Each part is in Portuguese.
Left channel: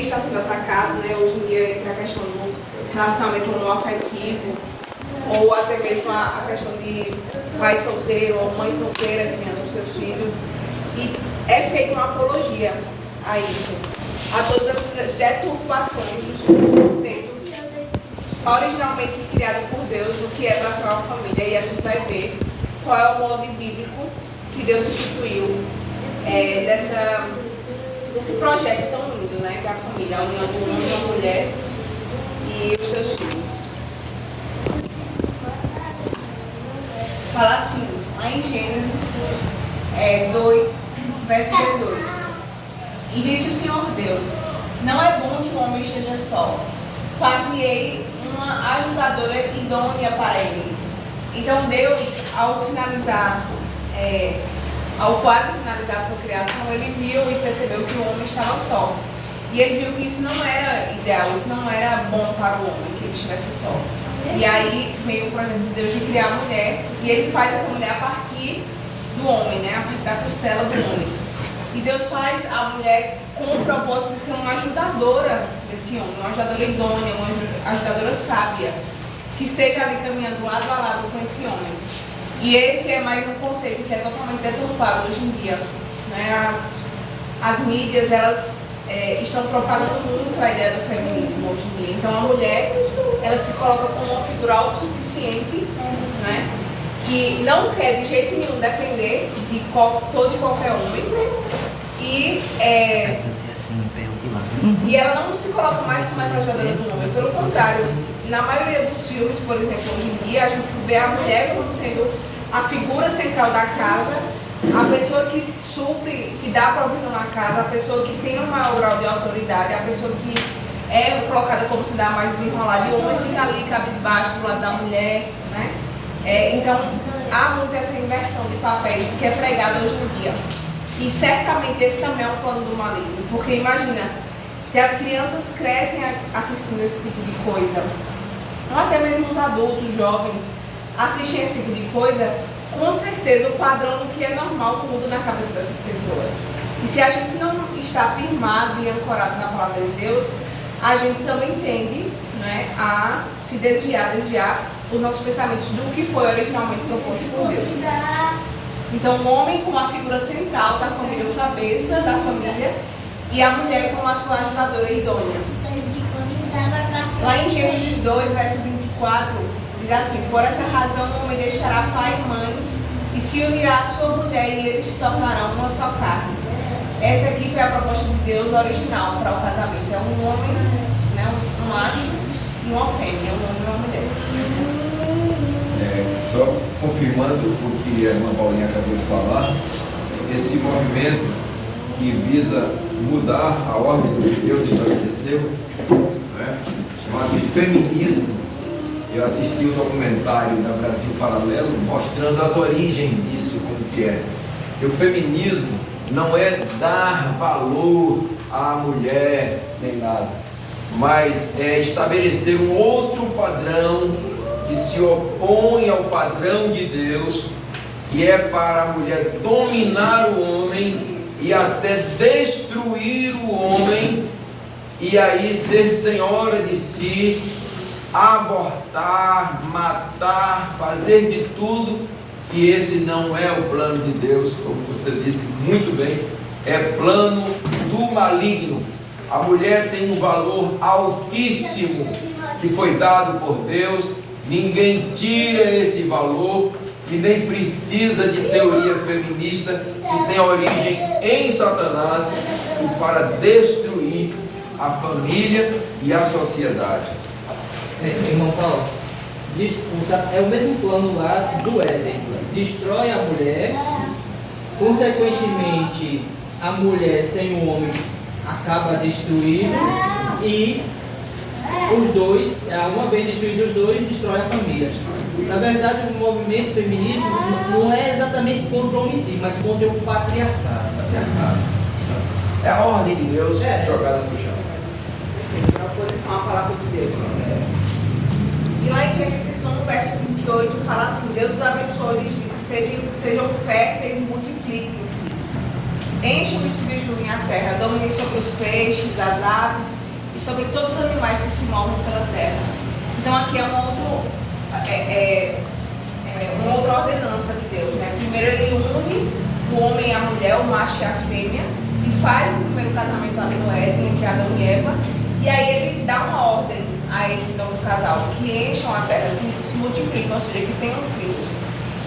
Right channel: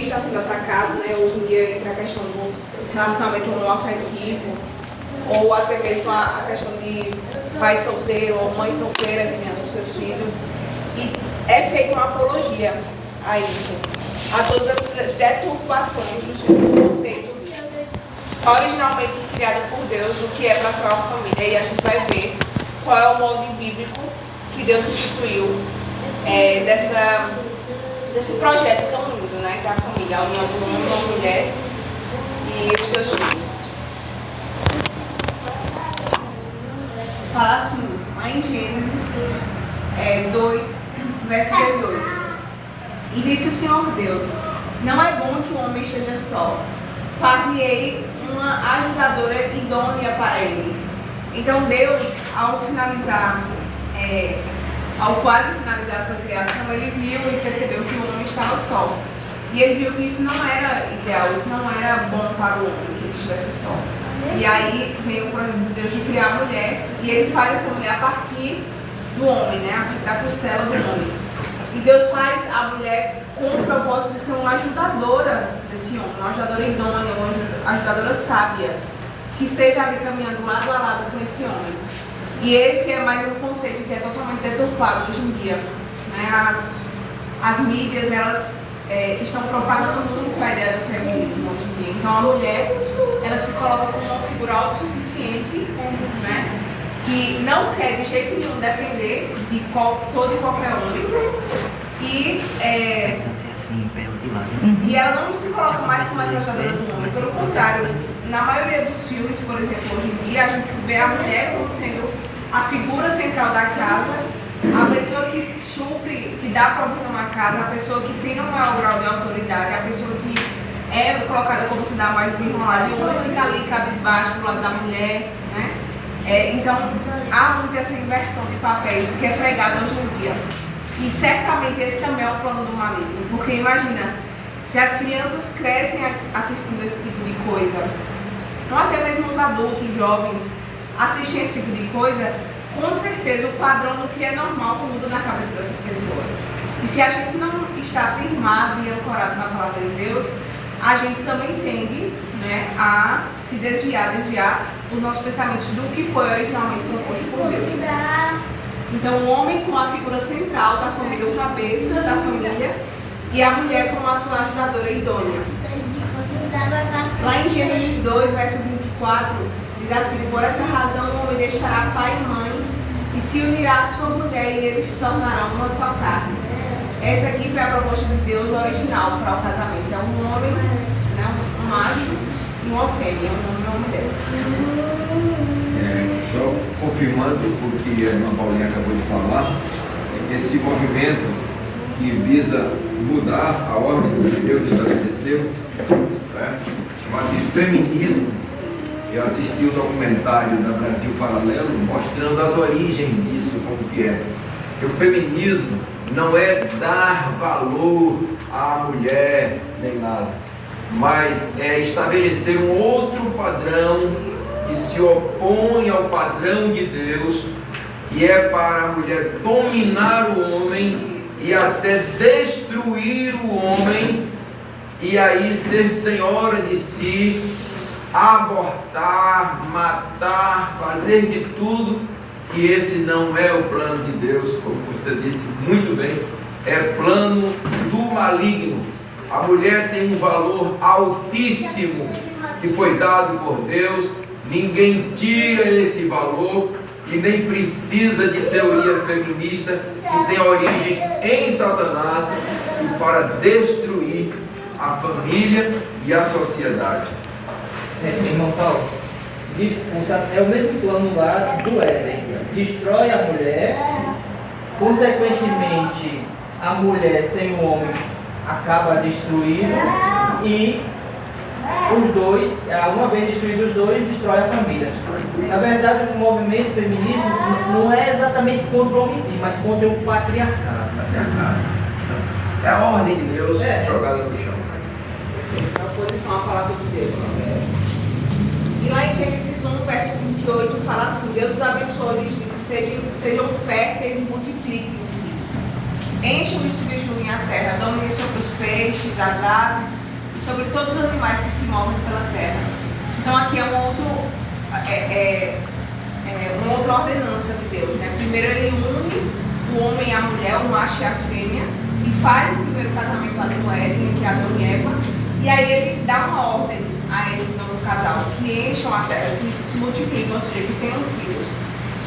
também está sendo atacado, né? Hoje em dia entra a questão do relacionamento homoafetivo, ou até mesmo a questão de pai solteiro ou mãe solteira criando os seus filhos. E é feita uma apologia a isso, a todas essas deturpações do conceito originalmente criado por Deus, o que é para ser uma família. E a gente vai ver qual é o molde bíblico que Deus instituiu desse projeto tão lindo, né, da família, a união do homem com a mulher e os seus filhos. Fala assim, lá em Gênesis 2, verso 18. E disse o Senhor Deus: não é bom que o homem esteja só. Far-lhe-ei uma ajudadora idônea para ele. Então Deus, ao quase finalizar a sua criação, ele viu e percebeu que o homem estava só. E ele viu que isso não era ideal, isso não era bom para o homem, que ele estivesse só. E aí veio o projeto de Deus de criar a mulher, e ele faz essa mulher a partir do homem, né? A partir da costela do homem. E Deus faz a mulher com o propósito de ser uma ajudadora desse homem, uma ajudadora idônea, uma ajudadora sábia, que esteja ali caminhando lado a lado com esse homem. E esse é mais um conceito que é totalmente deturpado hoje em dia, né? As mídias, elas estão propagando muito a ideia do feminismo hoje em dia. Então a mulher, ela se coloca como uma figura autossuficiente, né? Que não quer de jeito nenhum depender de todo e qualquer homem. E ela não se coloca mais como essa ajudadora do homem. Pelo contrário, na maioria dos filmes, por exemplo, hoje em dia, a gente vê a mulher como sendo a figura central da casa, a pessoa que supre, que dá a provisão na casa, a pessoa que tem um maior grau de autoridade, a pessoa que é colocada como se dá mais desenrolada, e o homem fica ali cabisbaixo do lado da mulher, né? Então, há muito essa inversão de papéis que é pregada hoje em dia. E certamente esse também é um plano do maligno, porque imagina, se as crianças crescem assistindo esse tipo de coisa, ou até mesmo os adultos, jovens, assistem esse tipo de coisa, com certeza o padrão do que é normal muda na cabeça dessas pessoas. E se a gente não está firmado e ancorado na palavra de Deus, a gente também tende, né, a se desviar os nossos pensamentos do que foi originalmente proposto por Deus. Então o homem como a figura central da família, o cabeça da família, e a mulher como a sua ajudadora idônea. Lá em Gênesis 2, verso 24, diz assim: por essa razão o homem deixará pai e mãe e se unirá à sua mulher, e eles se tornarão uma só carne. Essa aqui foi a proposta de Deus original para o casamento. É um homem, né, um macho e uma fêmea, um homem e uma mulher. Só confirmando o que a irmã Paulinha acabou de falar, esse movimento que visa mudar a ordem que Deus estabeleceu, né, chamado de feminismo. Eu assisti um documentário da Brasil Paralelo mostrando as origens disso, como que é. Que o feminismo não é dar valor à mulher nem nada, mas é estabelecer um outro padrão que se opõe ao padrão de Deus, e é para a mulher dominar o homem e até destruir o homem, e aí ser senhora de si, abortar, matar, fazer de tudo. E esse não é o plano de Deus, como você disse muito bem, é plano do maligno. A mulher tem um valor altíssimo que foi dado por Deus, ninguém tira esse valor, e nem precisa de teoria feminista que tem origem em Satanás para destruir a família e a sociedade. Irmão Paulo, é o mesmo plano lá do Éden: destrói a mulher, consequentemente a mulher sem o homem acaba destruindo, e os dois, uma vez destruídos os dois, destrói a família. Na verdade, o movimento feminista não é exatamente contra o homem em si, mas contra o patriarcado. É a ordem de Deus jogada no chão. A oposição à palavra de Deus. E lá em Gênesis 1, verso 28, fala assim: Deus os abençoou e lhes disse: sejam férteis e multipliquem-se. enchem e subjuguem a terra, dominem sobre os peixes, as aves e sobre todos os animais que se movem pela terra. Então aqui é uma outra ordenança de Deus, né? Primeiro ele une o homem e a mulher, o macho e a fêmea, e faz o primeiro casamento lá no Éden, entre Adão e Eva, e aí ele dá uma ordem a esse novo casal, que encham a terra, que se multipliquem, ou seja, que tenham filhos.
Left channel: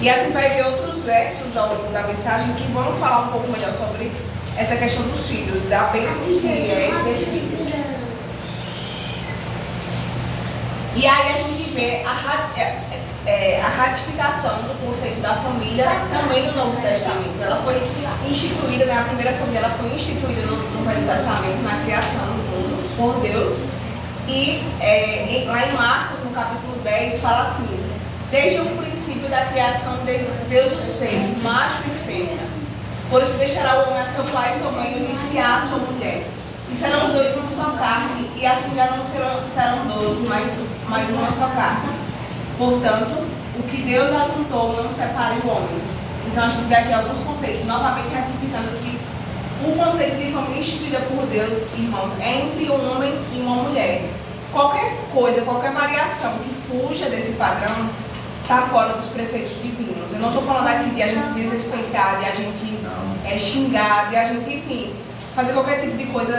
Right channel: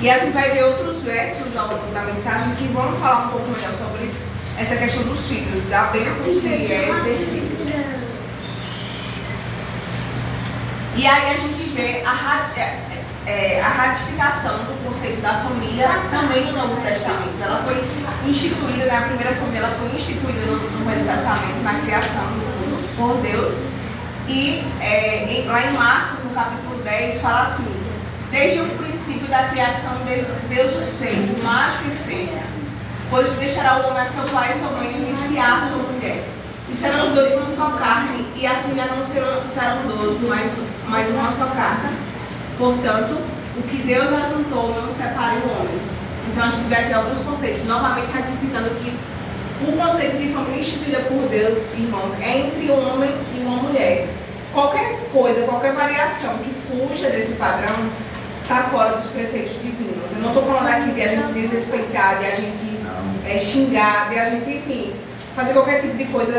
E a gente vai ver outros versos ao longo da mensagem que vão falar um pouco melhor sobre essa questão dos filhos, da bênção que é ter filhos. E aí a gente vê a ratificação do conceito da família também no Novo Testamento. Ela foi instituída, na primeira família, ela foi instituída no Velho Testamento, na criação do mundo, por Deus. E lá em Marcos, no capítulo 10, fala assim: desde o princípio da criação, Deus os fez, macho e fêmea. Por isso deixará o homem a seu pai e sua mãe e iniciar a sua mulher. E serão os dois uma só carne, e assim já não serão dois, mas uma só carne. Portanto, o que Deus ajuntou não separe o homem. Então a gente vê aqui alguns conceitos, novamente ratificando que o conceito de família instituída por Deus, irmãos, é entre um homem e uma mulher. Qualquer coisa, qualquer variação que fuja desse padrão está fora dos preceitos divinos. Eu não estou falando aqui de a gente desrespeitar, de a gente xingar, de a gente, enfim, fazer qualquer tipo de coisa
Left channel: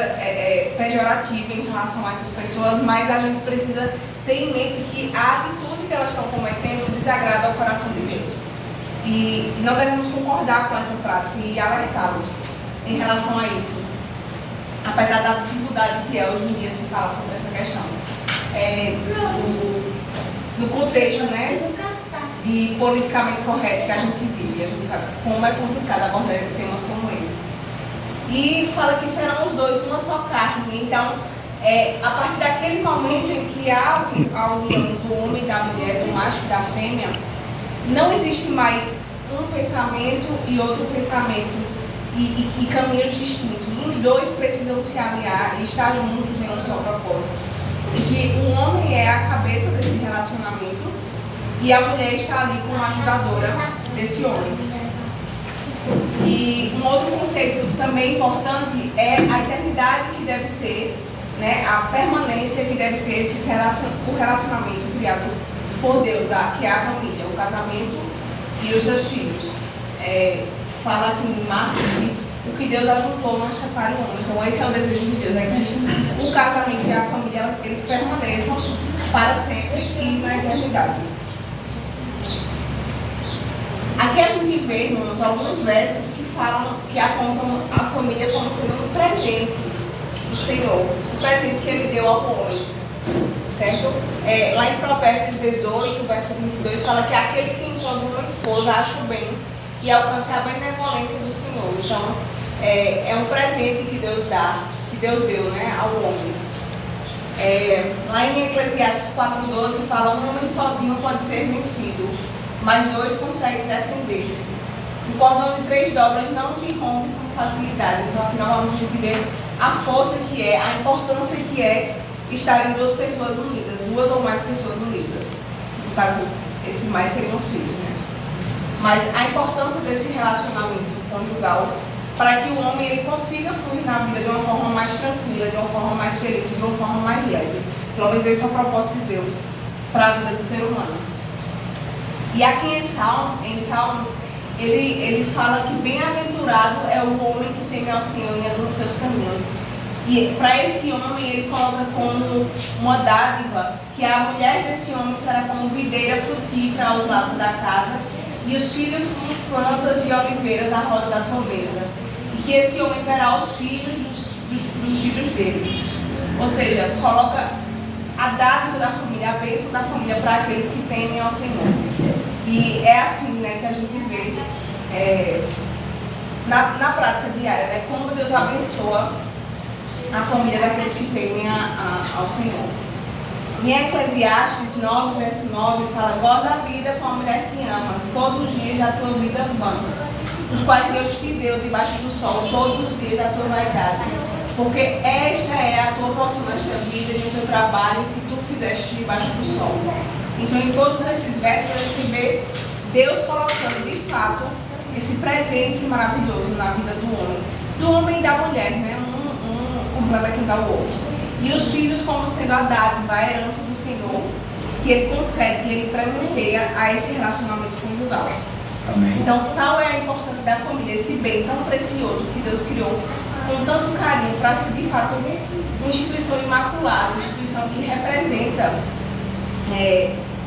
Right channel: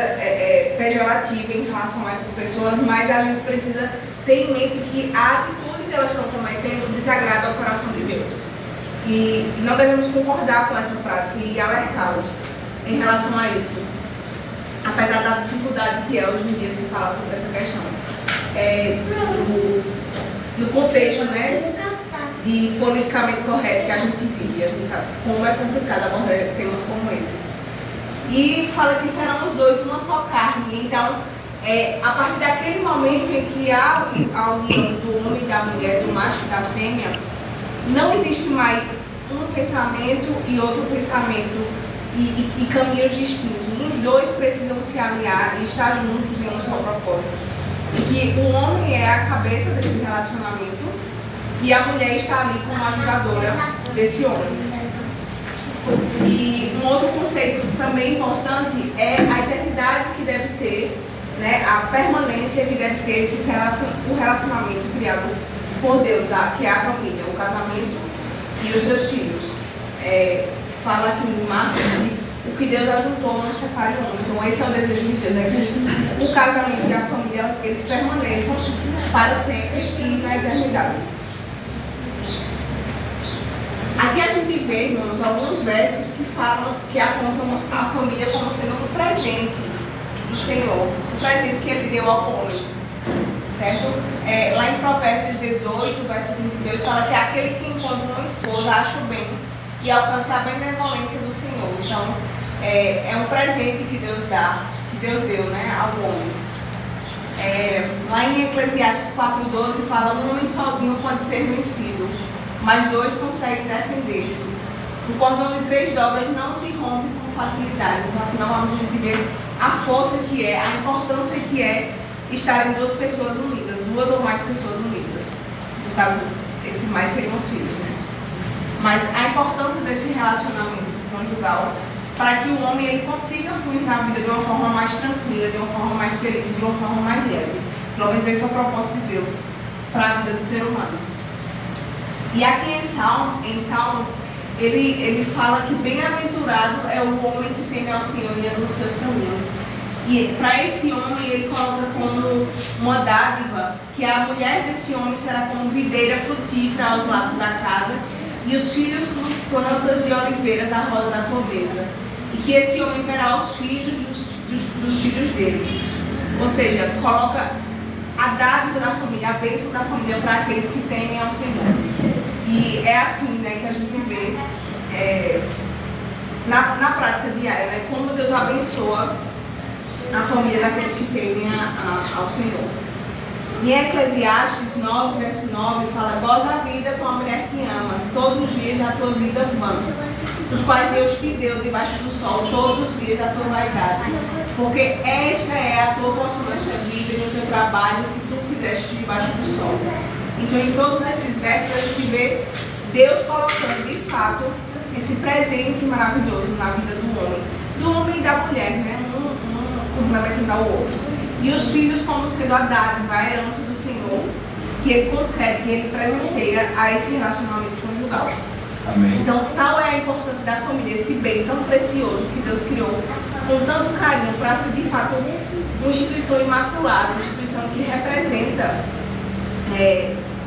pejorativa em relação a essas pessoas, mas a gente precisa ter em mente que a atitude que elas estão cometendo desagrada ao coração de Deus. E não devemos concordar com essa prática e alertá-los em relação a isso. Apesar da dificuldade que é hoje em dia se falar sobre essa questão. No contexto, né, de politicamente correto que a gente vive, a gente sabe como é complicado abordar temas como esses. E fala que serão os dois uma só carne. Então, a partir daquele momento em que há a união do homem e da mulher, do macho e da fêmea, não existe mais um pensamento e outro pensamento e caminhos distintos. Os dois precisam se alinhar e estar juntos em um só propósito. Que o homem é a cabeça desse relacionamento e a mulher está ali como ajudadora desse homem. E um outro conceito também importante é a eternidade que deve ter, né, a permanência que deve ter o relacionamento criado por Deus, que é a família, o casamento e os seus filhos. Fala aqui em Marcos que o que Deus ajuntou não separe o homem. Então esse é o desejo de Deus, que o casamento e a família eles permaneçam para sempre e na eternidade. Aqui a gente vê, irmãos, alguns versos que apontam a família como sendo um presente do Senhor, um presente que Ele deu ao homem, certo? Lá em Provérbios 18, verso 22, fala que aquele que encontra uma esposa acha o bem e alcança a benevolência do Senhor. Então, é um presente que Deus dá, que Deus deu, né, ao homem. Lá em Eclesiastes 4,12 fala: um homem sozinho pode ser vencido, mas dois conseguem defender-se. O cordão de 3 dobras não se rompe com facilidade. Então, aqui novamente a gente vê a força que é, a importância que é estarem duas pessoas unidas, duas ou mais pessoas unidas. No caso, esse mais seriam os filhos, né? Mas a importância desse relacionamento conjugal para que o homem ele consiga fluir na vida de uma forma mais tranquila, de uma forma mais feliz, de uma forma mais leve. Pelo menos esse é o propósito de Deus para a vida do ser humano. E aqui em Salmos, ele fala que bem-aventurado é o homem que teme ao Senhor e anda nos seus caminhos. E para esse homem, ele coloca como uma dádiva que a mulher desse homem será como videira frutífera aos lados da casa e os filhos como plantas de oliveiras à roda da toveza. E que esse homem verá os filhos dos filhos deles. Ou seja, coloca a dádiva da família, a bênção da família para aqueles que temem ao Senhor. E é assim, né, que a gente vê na prática diária, né, como Deus abençoa a família daqueles que temem ao Senhor. Em Eclesiastes 9, verso 9, fala: goza a vida com a mulher que amas, todos os dias da tua vida vão, os quais Deus te deu debaixo do sol, todos os dias da tua vaidade. Porque esta é a tua porção nesta vida e no teu trabalho que tu fizeste debaixo do sol. Então, em todos esses versos, a gente vê Deus colocando, de fato, esse presente maravilhoso na vida do homem. da mulher, né? Um complementando ao outro. E os filhos como sendo a dádiva, a herança do Senhor, que Ele concede, que Ele presenteia a esse relacionamento conjugal. Amém. Então, tal é a importância da família, esse bem tão precioso que Deus criou com tanto carinho para ser de fato uma instituição imaculada, uma instituição que representa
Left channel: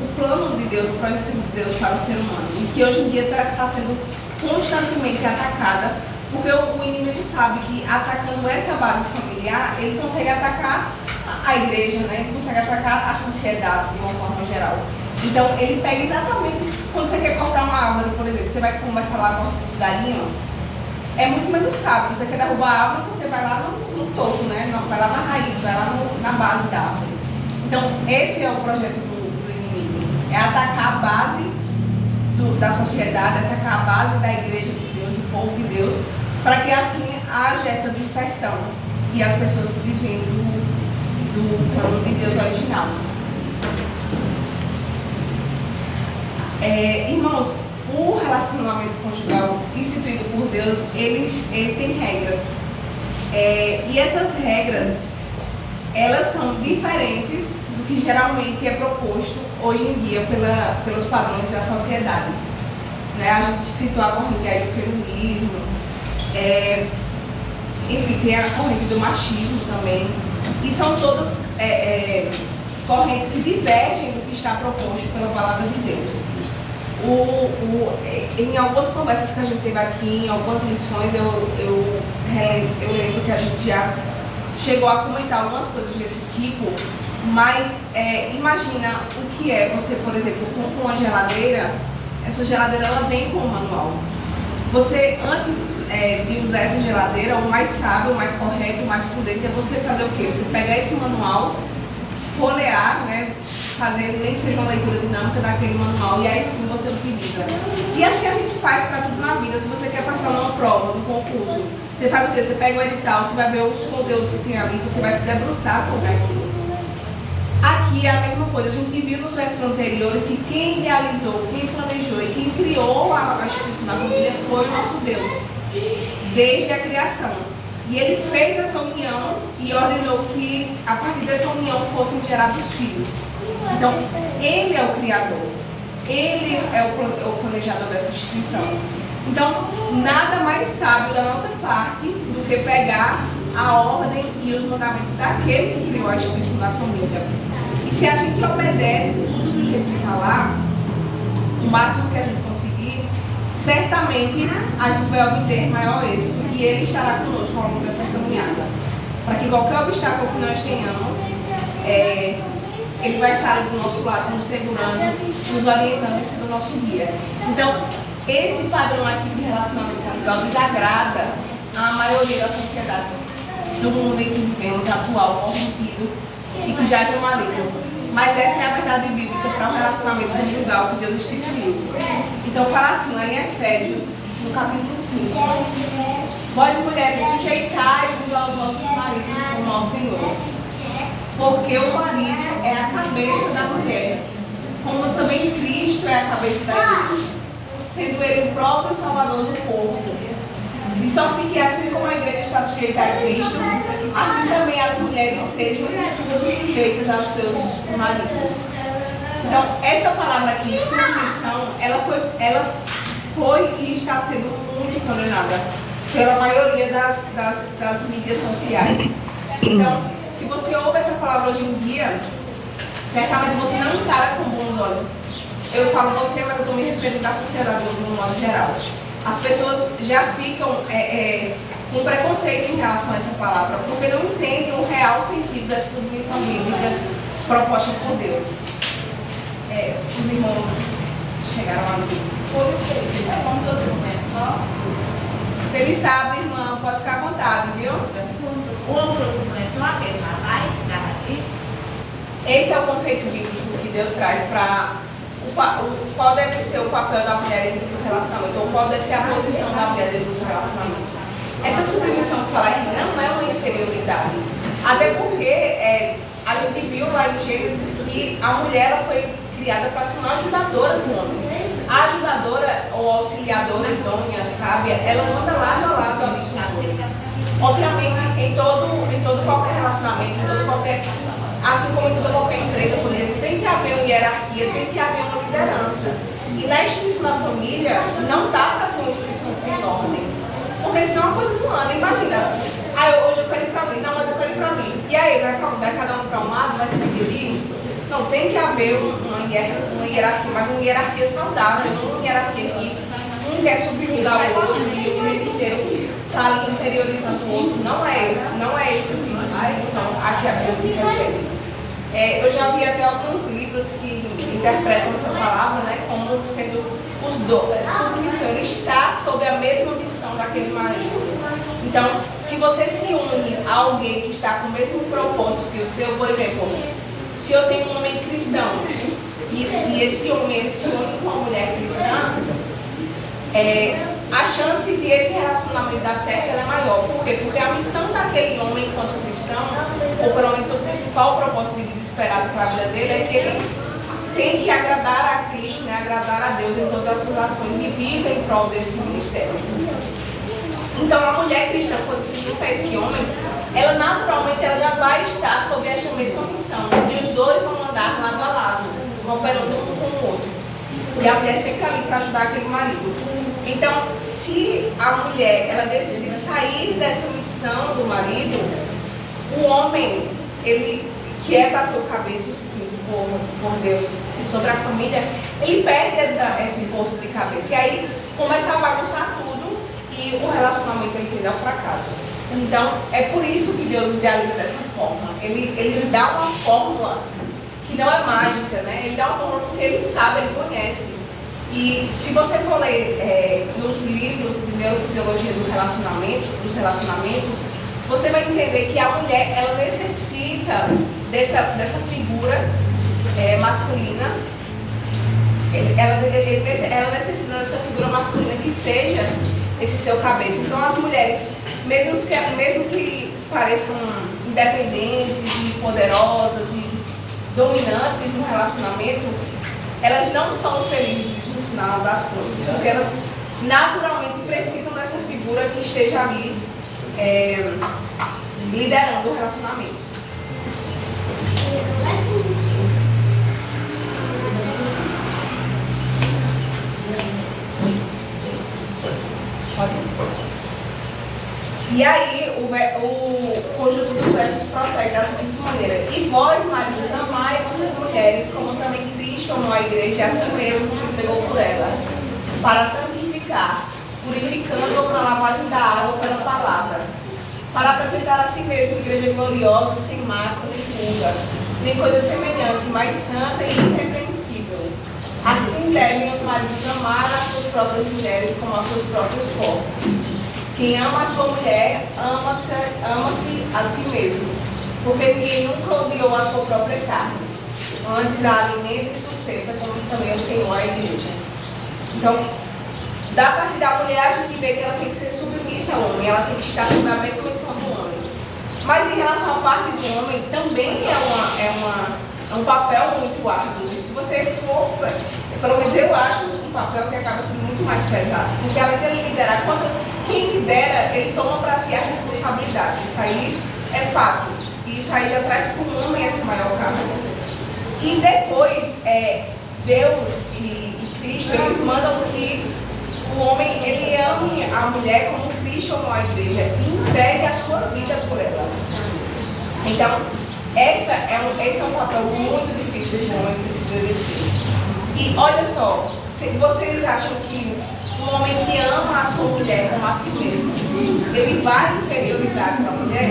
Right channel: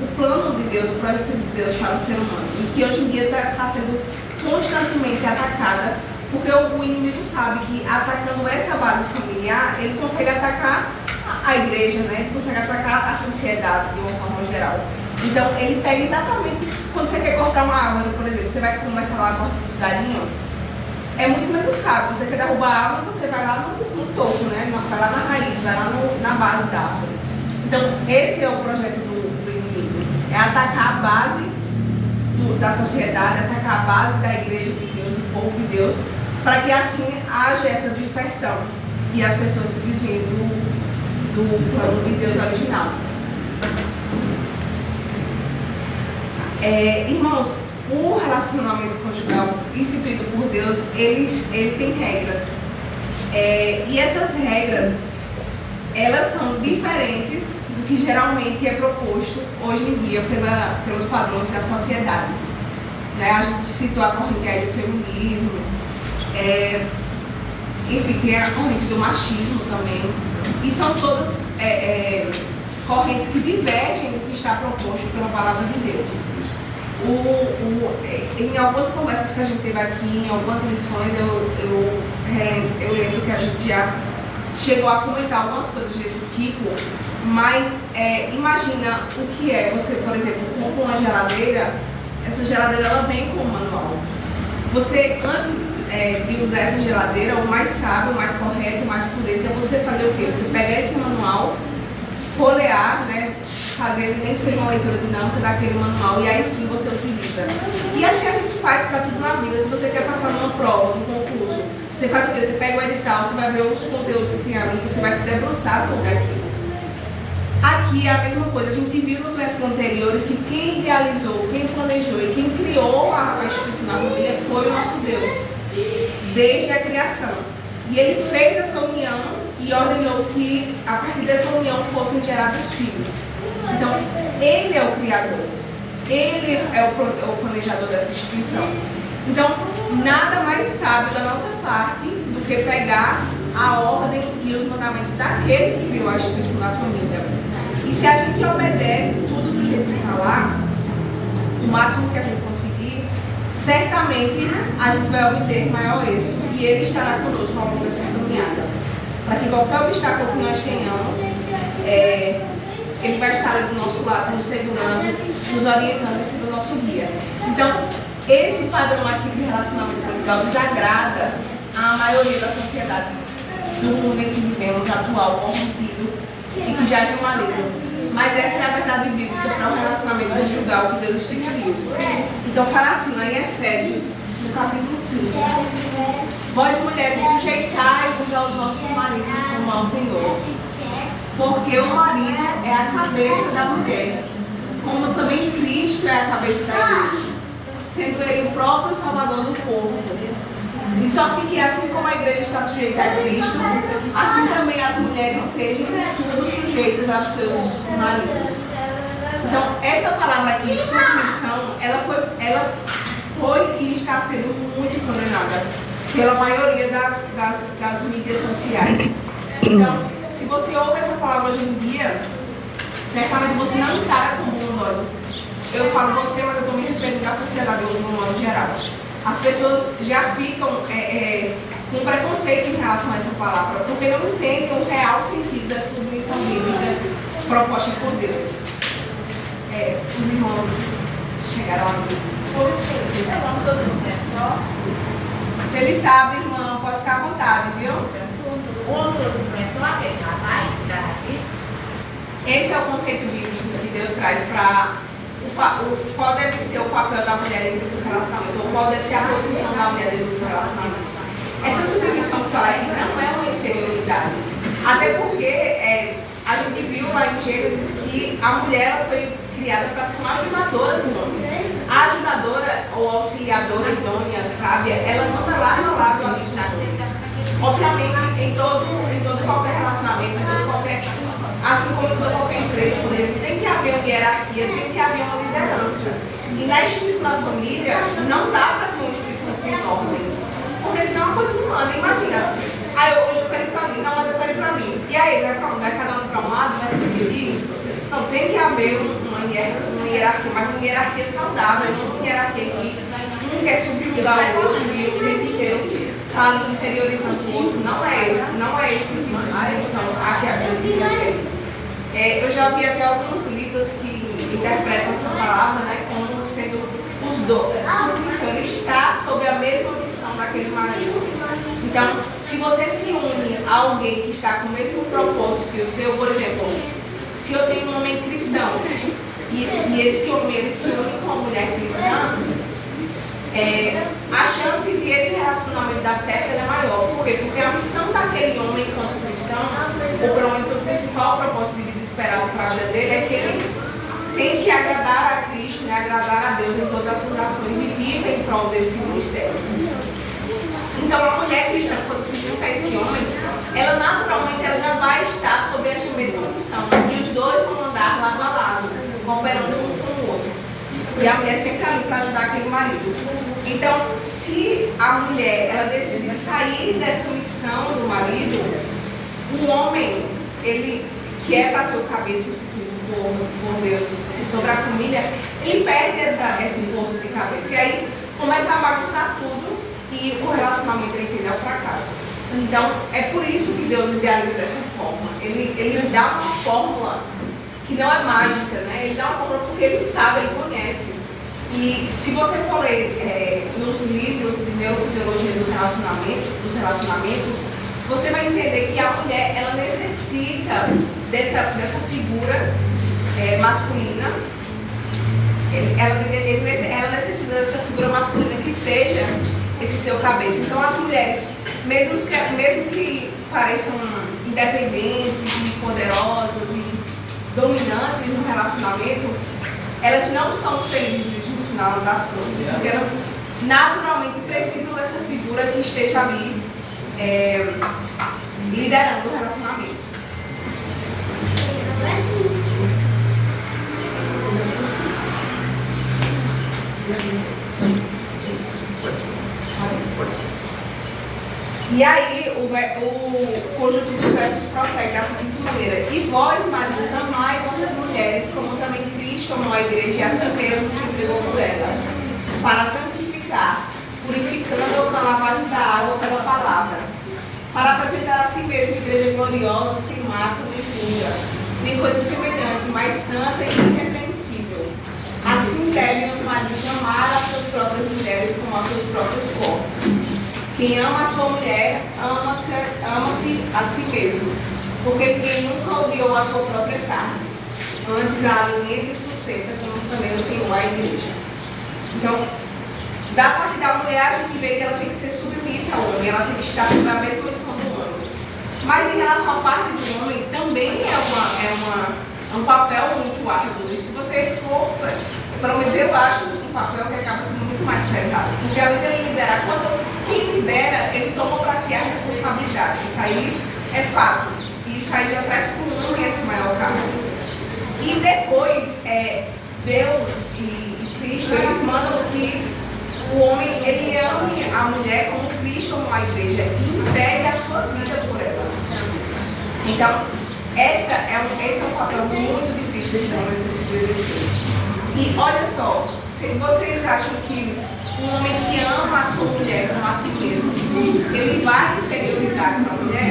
o plano de Deus, o projeto de Deus para o ser humano, e que hoje em dia está sendo constantemente atacada, porque o inimigo sabe que atacando essa base familiar, ele consegue atacar a igreja, né? Ele consegue atacar a sociedade de uma forma geral. Então, ele pega exatamente quando você quer cortar uma árvore, por exemplo, você vai começar lá a cortar os galinhos, é muito menos sábio. Você quer derrubar a árvore, você vai lá no topo, né? Vai lá na raiz, vai lá na base da árvore. Então, esse é o projeto do inimigo. É atacar a base da sociedade, atacar a base da igreja de Deus, do povo de Deus, para que assim haja essa dispersão e as pessoas se desviem do plano de Deus original. Irmãos, o relacionamento conjugal instituído por Deus, ele tem regras. E essas regras, elas são diferentes do que geralmente é proposto hoje em dia pelos padrões da sociedade. Né? A gente citou a corrente aí do feminismo, enfim, tem a corrente do machismo também. E são todas correntes que divergem do que está proposto pela palavra de Deus. Em algumas conversas que a gente teve aqui, em algumas lições, eu lembro que a gente já chegou a comentar algumas coisas desse tipo, mas imagina o que é você, por exemplo, compra uma geladeira, essa geladeira ela vem com um manual. Você, antes de usar essa geladeira, o mais sábio, o mais correto, o mais prudente é você fazer o quê? Você pegar esse manual, folhear, né? Fazer nem que seja uma leitura dinâmica daquele manual e aí sim você utiliza. E assim a gente faz para tudo na vida. Se você quer passar numa prova, num concurso, você faz o quê? Você pega o edital, você vai ver os conteúdos que tem ali, você vai se debruçar sobre aquilo. Aqui é a mesma coisa. A gente viu nos versos anteriores que quem idealizou, quem planejou e quem criou a instituição da família foi o nosso Deus, desde a criação. E Ele fez essa união e ordenou que a partir dessa união fossem gerados filhos. Então, Ele é o Criador, Ele é o planejador dessa instituição. Então, nada mais sábio da nossa parte do que pegar a ordem e os mandamentos daquele que criou a instituição da família. E se a gente obedece tudo do jeito que está lá, o máximo que a gente conseguir, certamente a gente vai obter maior êxito e Ele estará conosco ao longo dessa caminhada. Para que qualquer obstáculo que nós tenhamos, Ele vai estar ali do nosso lado, nos segurando, nos orientando e sendo o nosso guia. Então, esse padrão aqui de relacionamento conjugal desagrada a maioria da sociedade do mundo em que vivemos, atual, corrompido e que já é maligno. Mas essa é a verdade bíblica para o relacionamento conjugal que Deus instituiu. Então, fala assim lá em Efésios, no capítulo 5. Vós, mulheres, sujeitai-vos aos vossos maridos como ao Senhor. Porque o marido é a cabeça da mulher, como também Cristo é a cabeça da igreja, sendo Ele o próprio Salvador do povo. De sorte que, assim como a igreja está sujeita a Cristo, assim também as mulheres sejam todas sujeitas aos seus maridos. Então, essa palavra aqui, submissão, ela foi e está sendo muito condenada pela maioria das mídias sociais. Então, se você ouve essa palavra hoje em dia, certamente você não encara com bons olhos. Eu falo você, mas eu estou me referindo à sociedade no modo geral. As pessoas já ficam com preconceito em relação a essa palavra, porque não entendem o real sentido dessa submissão bíblica proposta por Deus. Os irmãos chegaram aqui. Feliz sábado, irmã. Pode ficar à vontade, viu? Esse é o conceito bíblico que Deus traz para qual deve ser o papel da mulher dentro do relacionamento, ou qual deve ser a posição da mulher dentro do relacionamento. Essa submissão que fala aqui não é uma inferioridade, até porque a gente viu lá em Gênesis que a mulher ela foi criada para ser uma ajudadora do homem. A ajudadora ou auxiliadora idônea, sábia, ela anda lado a lado ali com o homem. Obviamente, em todo qualquer relacionamento, em todo qualquer, assim como em toda qualquer empresa, por exemplo, tem que haver uma hierarquia, tem que haver uma liderança. E na instituição da família, não dá para ser uma instituição sem ordem. Porque senão a coisa não anda. Imagina, hoje eu quero ir para mim, não, mas eu quero ir para mim. E aí, vai cada um para um lado, vai se dividir? Não, tem que haver uma hierarquia, mas uma hierarquia saudável, não uma hierarquia que um quer subjugar o outro e o tempo inteiro está ali inferiorizando o outro. Não é esse tipo de instituição a que a Bíblia se refere. Eu já vi até alguns livros que interpretam essa palavra, né, como sendo os dois. Submissão, ele está sob a mesma missão daquele marido. Então, se você se une a alguém que está com o mesmo propósito que o seu, por exemplo, se eu tenho um homem cristão e esse homem ele se une com uma mulher cristã, a chance de esse relacionamento dar certo é maior. Por quê? Porque a missão daquele homem enquanto cristão, ou pelo menos o principal propósito de vida esperado para a vida dele, é que ele tem que agradar a Cristo, né? Agradar a Deus em todas as suas ações e vive em prol desse ministério. Então a mulher cristã, quando se junta a esse homem, ela naturalmente já vai estar sob essa mesma missão. E os dois vão andar lado a lado, cooperando um com o outro. E a mulher sempre ali para ajudar aquele marido. Então, se a mulher ela decide sair dessa missão do marido, o homem, ele que é para ser o cabeça instituído por Deus sobre a família, ele perde esse posto de cabeça. E aí começa a bagunçar tudo e o relacionamento ele tende ao fracasso. Então, é por isso que Deus idealiza dessa forma. Ele dá uma fórmula que não é mágica, né? Ele dá uma fórmula porque ele sabe, ele conhece. E se você for ler nos livros de neurofisiologia dos relacionamentos, você vai entender que a mulher ela necessita dessa figura masculina. Ela necessita dessa figura masculina que seja esse seu cabeça. Então as mulheres, mesmo que pareçam independentes e poderosas e dominantes no relacionamento, elas não são felizes no final das contas, porque elas naturalmente precisam dessa figura que esteja ali liderando o relacionamento. E aí o conjunto dos versos prossegue da seguinte maneira: e vós, maridos, amai vossas mulheres, como também Cristo amou a igreja e a si mesmo se entregou por ela, para santificar, purificando-a com a lavagem da água pela palavra, para apresentar a si mesmo igreja gloriosa, sem mácula nem pura, nem coisa semelhante, mas santa e irrepreensível. Assim devem os maridos amar as suas próprias mulheres como aos seus próprios corpos. Quem ama a sua mulher, ama-se a si mesmo, porque ninguém nunca odiou a sua própria carne, antes a alimenta e sustenta, como também o Senhor a igreja. Então, da parte da mulher, a gente vê que ela tem que ser submissa ao homem, ela tem que estar na mesma posição do homem. Mas em relação à parte do homem, também é um papel muito árduo. E se você for, pelo menos eu acho um papel que acaba sendo muito mais pesado. Porque além de liderar, quem lidera, ele toma para si a responsabilidade. Isso aí é fato. E isso aí já traz para o homem essa maior carga. E depois, Deus e Cristo, eles mandam que o homem, ele ame a mulher como Cristo amou a igreja e entregue a sua vida por ela. Então, esse é um papel muito difícil que o homem precisa exercer. E olha só, se vocês acham que um homem que ama a sua mulher como a si mesmo, ele vai inferiorizar aquela mulher?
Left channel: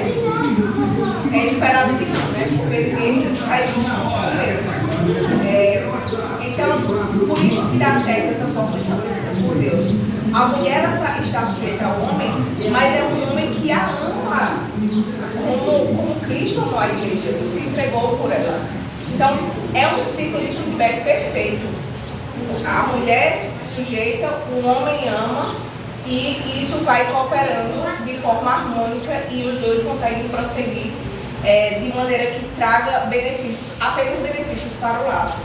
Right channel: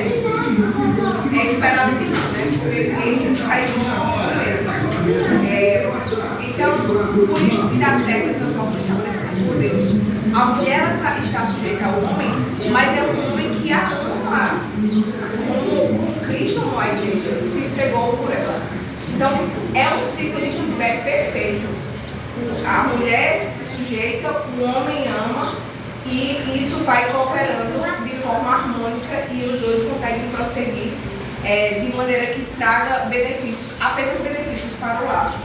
É esperado que não, né? Porque ele faz isso com si mesmo. Então, por isso que dá certo essa forma estabelecida por Deus. A mulher ela está sujeita ao homem, mas é um homem que a ama como Cristo amou a igreja e se entregou por ela. Então, é um ciclo de feedback perfeito. A mulher se sujeita, o homem ama e isso vai cooperando de forma harmônica e os dois conseguem prosseguir de maneira que traga benefícios, apenas benefícios para o lar.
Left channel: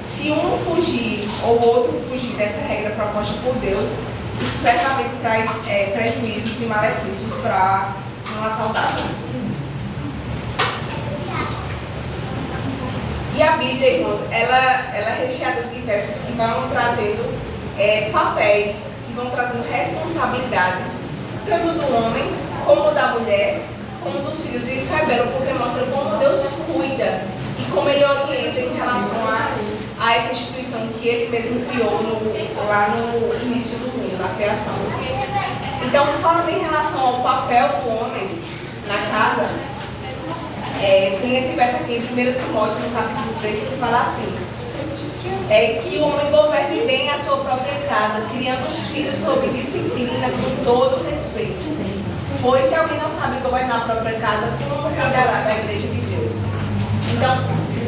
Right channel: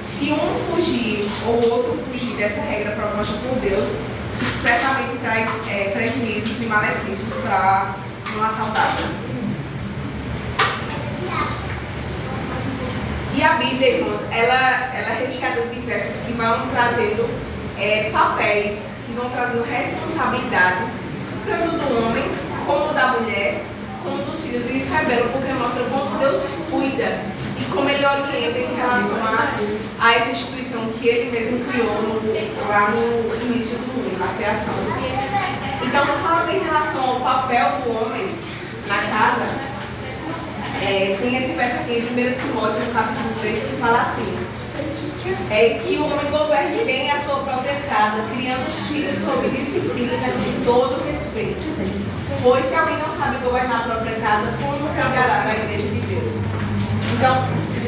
Se um fugir ou o outro fugir dessa regra proposta por Deus, isso certamente traz prejuízos e malefícios para um lar saudável. E a Bíblia, irmãos, ela é recheada de versos que vão trazendo papéis, que vão trazendo responsabilidades, tanto do homem, como da mulher, como dos filhos. E isso é belo porque mostra como Deus cuida e como Ele orienta em relação a essa instituição que Ele mesmo criou lá no início do mundo, na criação. Então, falando em relação ao papel do homem na casa, tem esse verso aqui em 1 Timóteo, no capítulo 3, que fala assim, que o homem governe bem a sua própria casa, criando os filhos sob disciplina com todo respeito. Pois se alguém não sabe governar a própria casa, como cuidará da igreja de Deus? Então,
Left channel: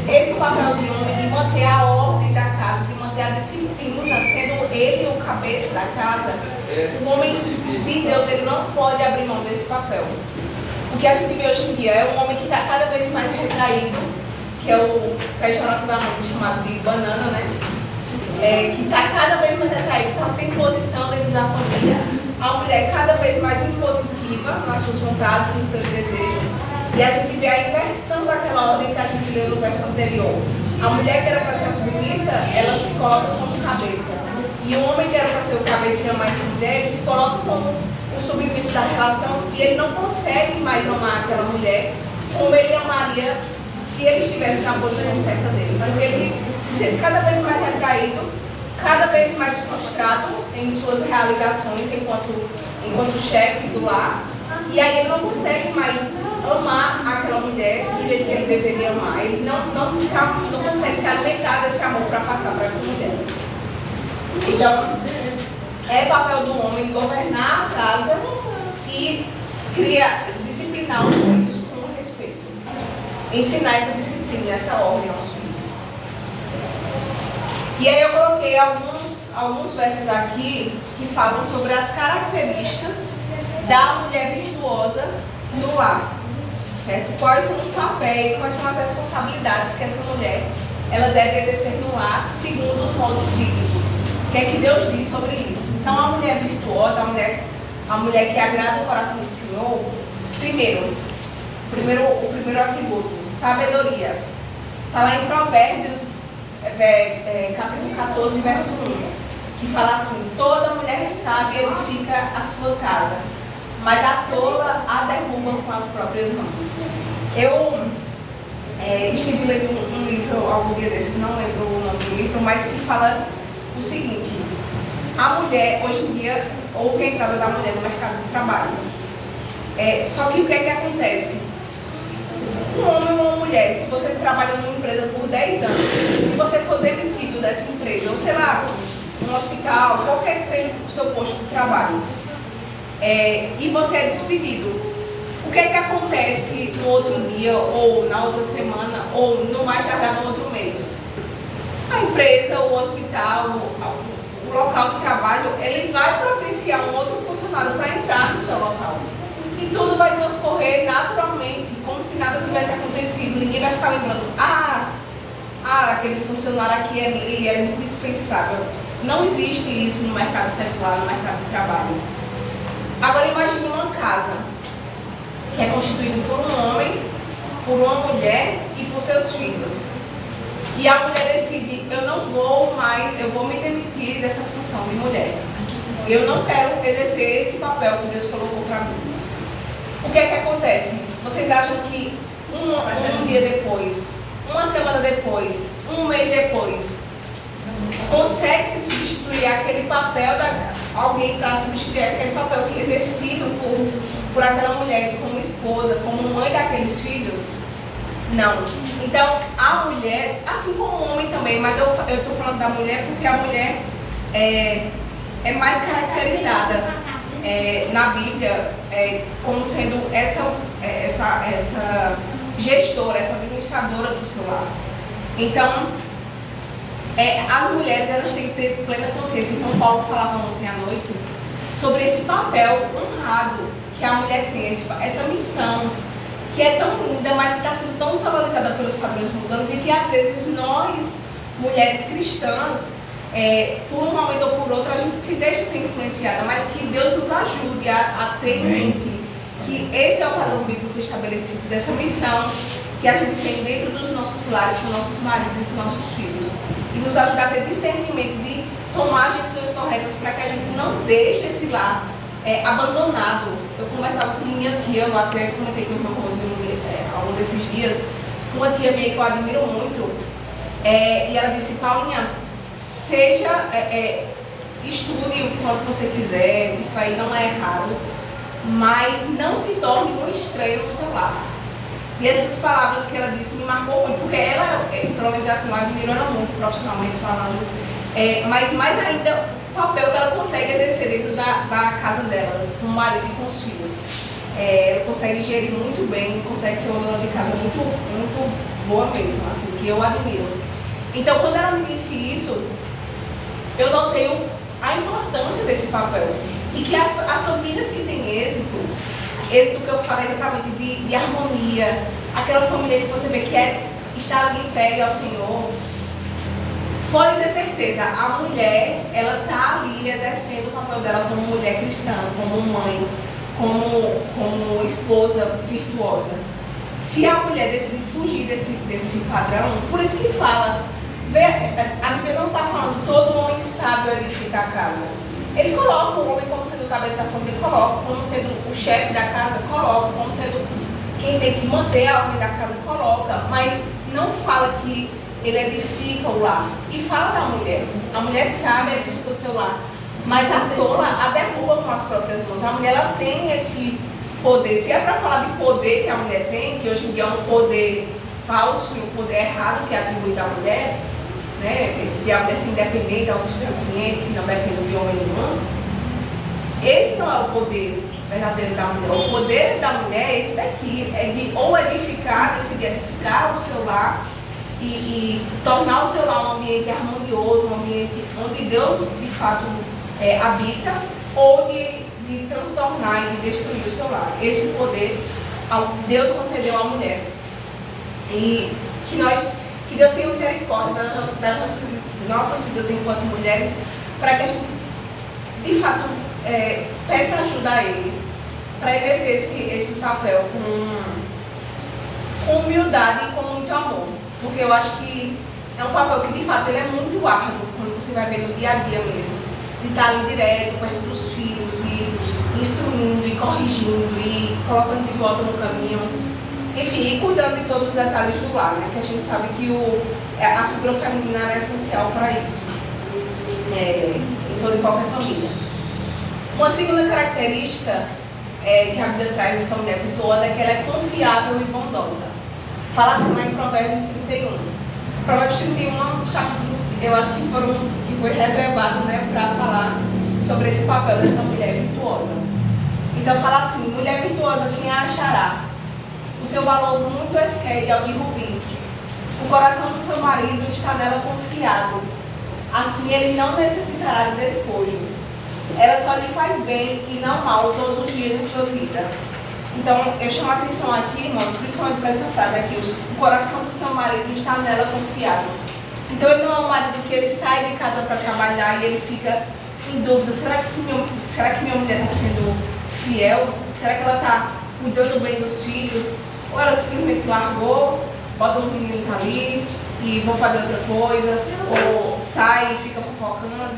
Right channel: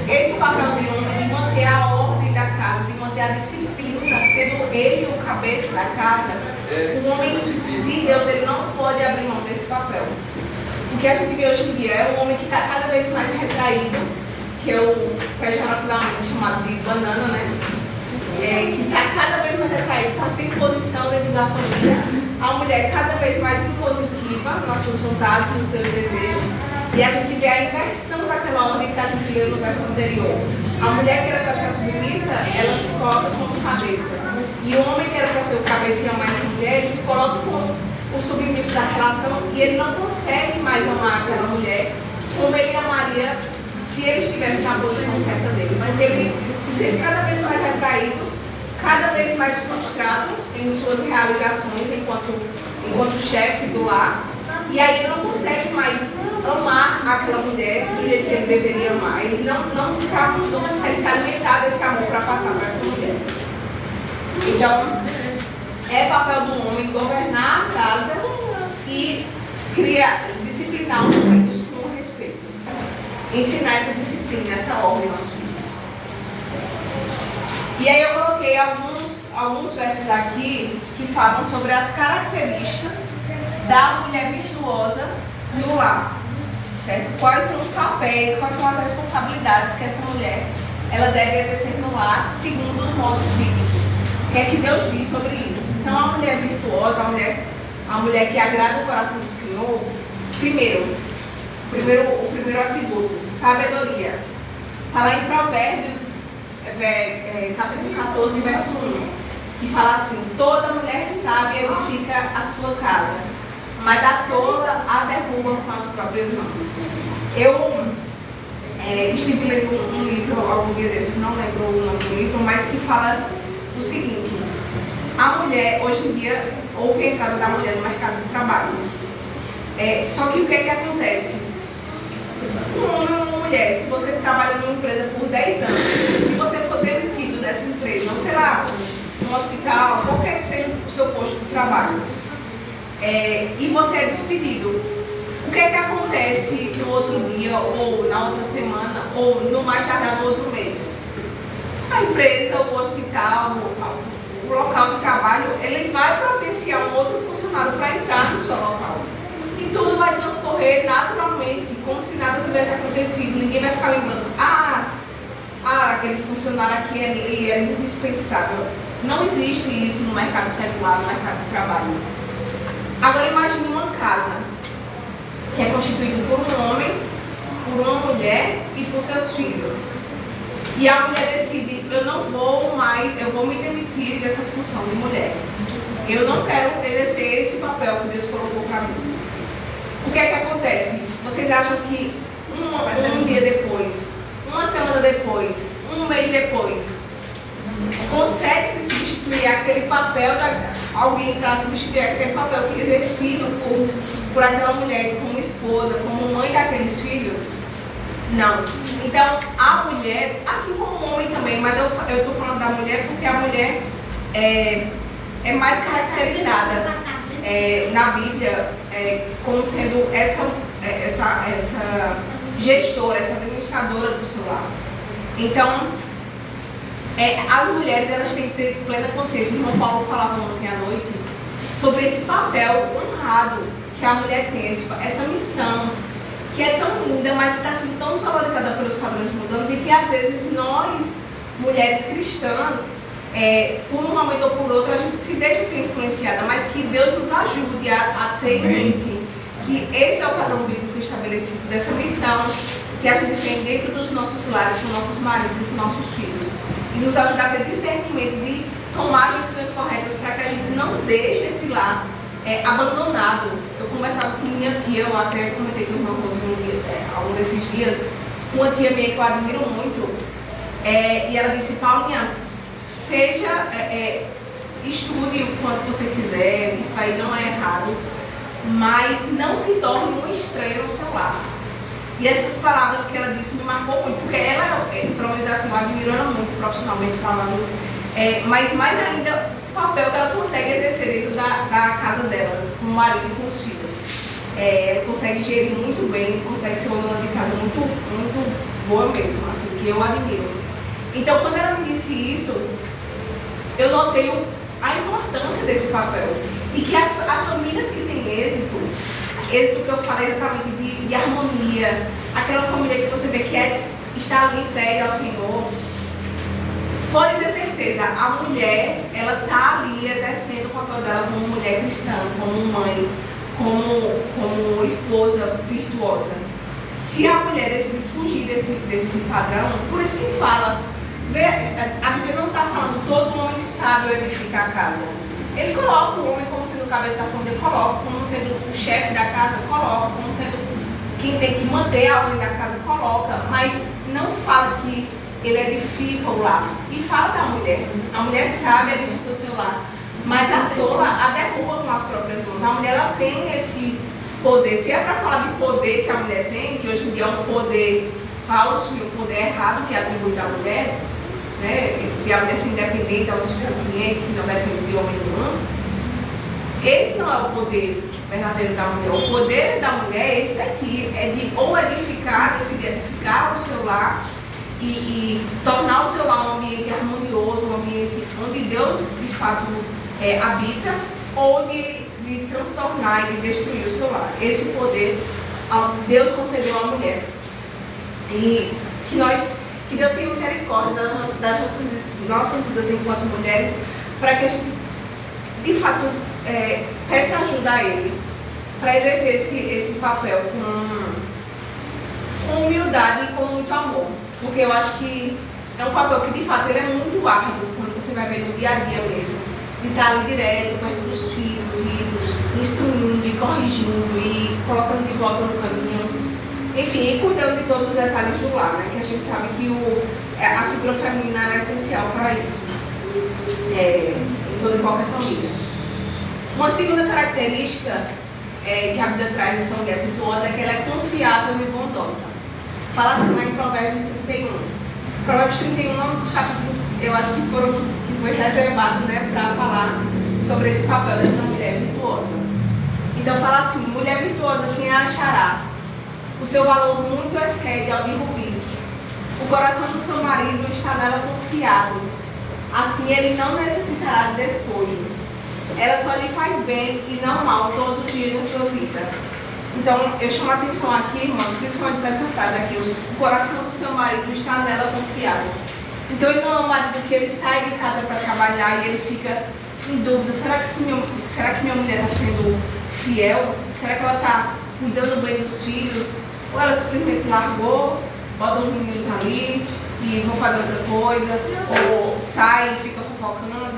esse papel de homem de manter a ordem da casa, de manter a disciplina, sendo ele o cabeça da casa, o homem de Deus ele não pode abrir mão desse papel. O que a gente vê hoje em dia é um homem que está cada vez mais retraído, que é naturalmente chamado de banana, né? Que está cada vez mais retraído, está sem posição dentro da família. A mulher cada vez mais impositiva nas suas vontades, nos seus desejos. E a gente vê a inversão daquela ordem que a gente leu no verso anterior. A mulher que era para ser a submissa, ela se coloca como cabeça. E o homem que era para ser o cabeça e amar essa mulher, ele se coloca como o submisso da relação e ele não consegue mais amar aquela mulher como ele amaria se ele estivesse na posição certa dele. Porque ele se sente cada vez mais retraído, cada vez mais frustrado em suas realizações enquanto chefe do lar. E aí ele não consegue mais amar aquela mulher do jeito que ele deveria amar. Ele não consegue se alimentar desse amor para passar para essa mulher. Então, é papel do homem governar a casa e disciplinar os filhos com respeito. Ensinar essa disciplina, essa ordem aos filhos. E aí eu coloquei alguns versos aqui que falam sobre as características da mulher virtuosa no lar. Certo? Quais são os papéis, quais são as responsabilidades que essa mulher ela deve exercer no lar segundo os modos bíblicos. O que é que Deus diz sobre isso? Então, a mulher virtuosa, a mulher que agrada o coração do Senhor, o primeiro atributo, sabedoria. Fala em Provérbios, capítulo 14, verso 1, que fala assim: toda mulher sábia edifica a sua casa, mas a tola a derruba com as próprias mãos. Eu estive lendo um livro algum dia desses, não lembro o nome do livro, mas que fala o seguinte: a mulher, hoje em dia, houve a entrada da mulher no mercado de trabalho. Só que o que é que acontece? Um homem ou uma mulher, se você trabalha numa empresa por 10 anos, se você for demitido dessa empresa, ou sei lá, um hospital, qualquer que seja o seu posto de trabalho, e você é despedido, o que é que acontece no outro dia, ou na outra semana, ou no mais tardar no outro mês? A empresa, o hospital, o local de trabalho, ele vai providenciar um outro funcionário para entrar no seu local. E tudo vai transcorrer naturalmente, como se nada tivesse acontecido. Ninguém vai ficar lembrando, aquele funcionário aqui, ele era indispensável. Não existe isso no mercado secular, no mercado de trabalho. Agora imagine uma casa que é constituída por um homem, por uma mulher e por seus filhos. E a mulher decide, eu não vou mais, eu vou me demitir dessa função de mulher. Eu não quero exercer esse papel que Deus colocou para mim. O que é que acontece? Vocês acham que um dia depois, uma semana depois, um mês depois, consegue se substituir aquele papel alguém para substituir aquele papel que é exercido por aquela mulher como esposa, como mãe daqueles filhos? Não. Então, a mulher, assim como o homem também, mas eu estou falando da mulher porque a mulher é mais caracterizada na Bíblia como sendo essa gestora, essa administradora do seu lar. Então, as mulheres elas têm que ter plena consciência, como o Paulo falava ontem à noite, sobre esse papel honrado que a mulher tem, essa missão que é tão linda, mas que está sendo tão desvalorizada pelos padrões mundanos e que às vezes nós, mulheres cristãs, por um momento ou por outro, a gente se deixa ser influenciada, mas que Deus nos ajude a ter em mente que esse é o padrão bíblico estabelecido dessa missão que a gente tem dentro dos nossos lares, com nossos maridos e com nossos filhos. E nos ajudar a ter discernimento de tomar as decisões corretas para que a gente não deixe esse lar abandonado. Eu conversava com minha tia, eu até comentei com o irmão Rosinho ao longo desses dias, uma tia minha que eu admiro muito, e ela disse: Paulinha, estude o quanto você quiser, isso aí não é errado, mas não se torne um estranho no seu lar. E essas palavras que ela disse me marcou muito, porque ela, pelo menos assim, eu admiro ela muito profissionalmente falando, mas mais ainda o papel que ela consegue exercer dentro da casa dela, com o marido e com os filhos. Ela consegue gerir muito bem, consegue ser uma dona de casa muito, muito boa mesmo, assim, que eu admiro. Então, quando ela me disse isso, eu notei a importância desse papel. E que as famílias que têm êxito que eu falei exatamente de harmonia, aquela família que você vê que está ali entregue ao Senhor, pode ter certeza, a mulher, ela está ali exercendo o papel dela como mulher cristã, como mãe, como esposa virtuosa. Se a mulher decidir fugir desse padrão, por isso que fala, a Bíblia não está falando todo homem sábio edificar a casa. Ele coloca o homem como sendo o cabeça da família, coloca como sendo o chefe da casa, coloca como sendo quem tem que manter a ordem da casa, coloca, mas não fala que ele edifica o lar. E fala da mulher. A mulher sabe edificar o seu lar, mas a tola a derruba com as próprias mãos. A mulher, ela tem esse poder. Se é para falar de poder que a mulher tem, que hoje em dia é um poder falso e um poder errado que é atribuído à mulher, né, de a mulher ser independente, autossuficiente, que não depende de homem nenhum. Esse não é o poder verdadeiro da mulher. O poder da mulher é esse daqui, é de ou edificar, decidir edificar o seu lar e tornar o seu lar um ambiente harmonioso, um ambiente onde Deus de fato habita, ou de transtornar e de destruir o seu lar. Esse poder Deus concedeu à mulher. E que Deus tenha misericórdia das nossas vidas enquanto mulheres, para que a gente, de fato, peça ajuda a Ele, para exercer esse papel com humildade e com muito amor. Porque eu acho que é um papel que, de fato, ele é muito árduo, quando você vai ver no dia a dia mesmo. De estar ali direto, perto dos filhos, e instruindo, e corrigindo, e colocando de volta no caminho. Enfim, e cuidando de todos os detalhes do lar, né? Que a gente sabe que a figura feminina é essencial para isso, em toda e qualquer família. Uma segunda característica que a Bíblia traz dessa mulher virtuosa é que ela é confiável e bondosa. Fala assim lá em Provérbios 31. Provérbios 31 é um dos capítulos, eu acho que foi reservado, né, para falar sobre esse papel dessa mulher virtuosa. Então fala assim: mulher virtuosa, quem a achará? O seu valor muito excede ao de rubis. O coração do seu marido está nela confiado. Assim ele não necessitará de despojo. Ela só lhe faz bem e não mal todos os dias da sua vida. Então eu chamo a atenção aqui, irmãos, principalmente para essa frase aqui: o coração do seu marido está nela confiado. Então ele não é um marido que ele sai de casa para trabalhar e ele fica em dúvida: será que minha mulher está sendo fiel? Será que ela está cuidando bem dos filhos? Ou ela simplesmente largou, bota os meninos ali e vão fazer outra coisa, ou sai e fica fofocando,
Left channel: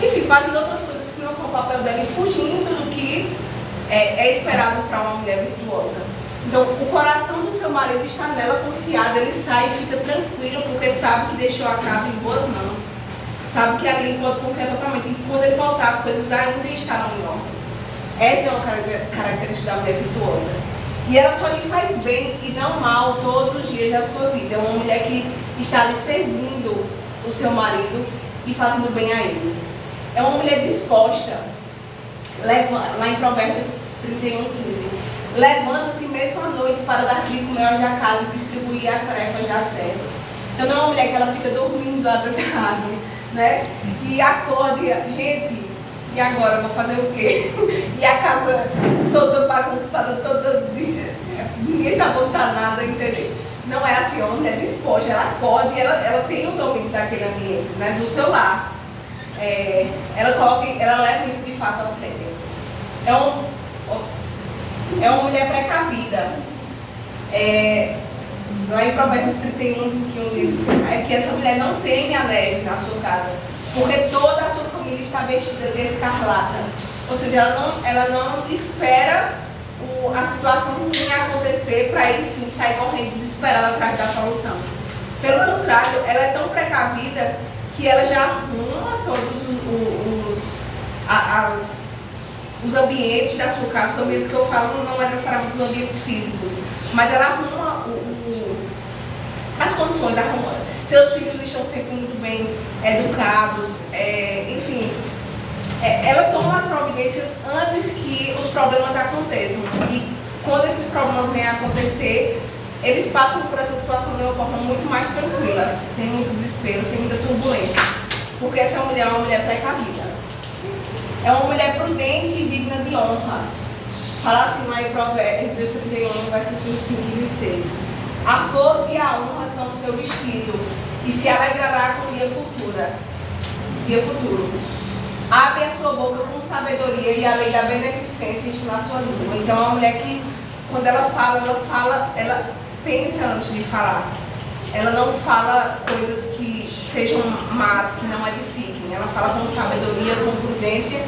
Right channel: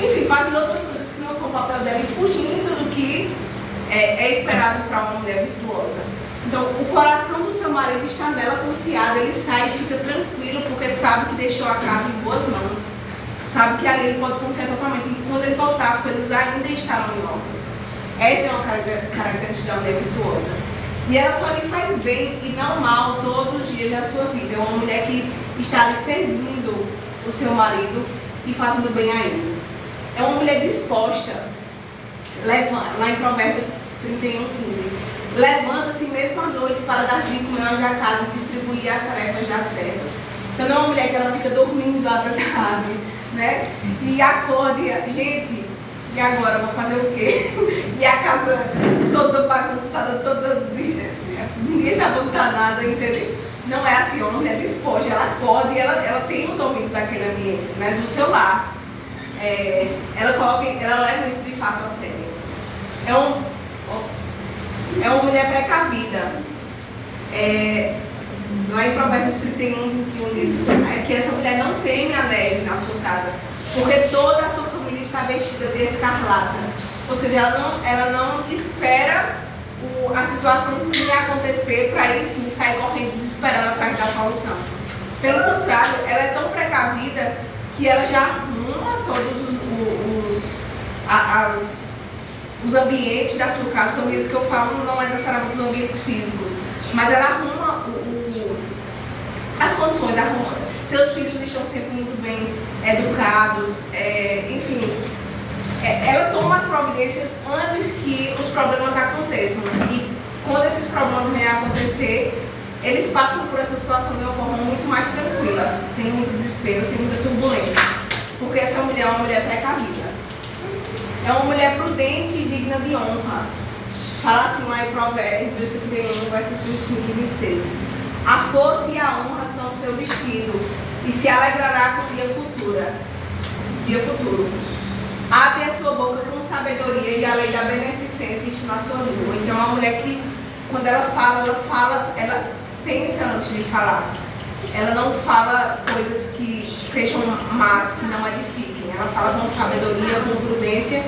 enfim, fazendo outras coisas que não são o papel dela e fugindo do que é esperado para uma mulher virtuosa. Então, o coração do seu marido está nela confiado, ele sai e fica tranquilo, porque sabe que deixou a casa em boas mãos, sabe que ali ele pode confiar totalmente, e quando ele voltar, as coisas ainda estarão em ordem. Essa é uma característica da mulher virtuosa. E ela só lhe faz bem e não mal todos os dias da sua vida. É uma mulher que está ali servindo o seu marido e fazendo bem a ele. É uma mulher disposta, lá em Provérbios 31:15, levanta-se mesmo à noite para dar trigo mel da casa e distribuir as tarefas das servas. Então não é uma mulher que ela fica dormindo até tarde, né? E acorda e, gente, e agora, vou fazer o quê? E a casa toda bagunçada, ninguém sabe botar nada, entendeu? Não é assim, uma mulher disposta, ela acorda e ela tem o domínio daquele ambiente, né, do seu lar. Ela leva isso de fato a sério. é uma mulher precavida. Lá em Provérbios 31, 21 diz que essa mulher não teme a neve na sua casa, porque toda a sua família está vestida de escarlata. Ou seja, ela não espera a situação ruim acontecer para aí sim sair correndo desesperada atrás da solução. Pelo contrário, ela é tão precavida que ela já arruma todos os ambientes da sua casa. Os ambientes que eu falo não é necessariamente os ambientes físicos, mas ela arruma as condições, arruma. Seus filhos estão sempre muito bem educados, enfim. Ela toma as providências antes que os problemas aconteçam. E quando esses problemas vêm a acontecer, eles passam por essa situação de uma forma muito mais tranquila, sem muito desespero, sem muita turbulência. Porque essa mulher é uma mulher precavida. É uma mulher prudente e digna de honra. Fala assim lá em Provérbios 31, versos 25 e 26. A força e a honra são o seu vestido, e se alegrará com o dia futuro. Abre a sua boca com sabedoria, e a lei da beneficência está na sua língua. Então é uma mulher que, quando ela fala, ela pensa antes de falar. Ela não fala coisas que sejam más, que não edifiquem. Ela fala com sabedoria, com prudência,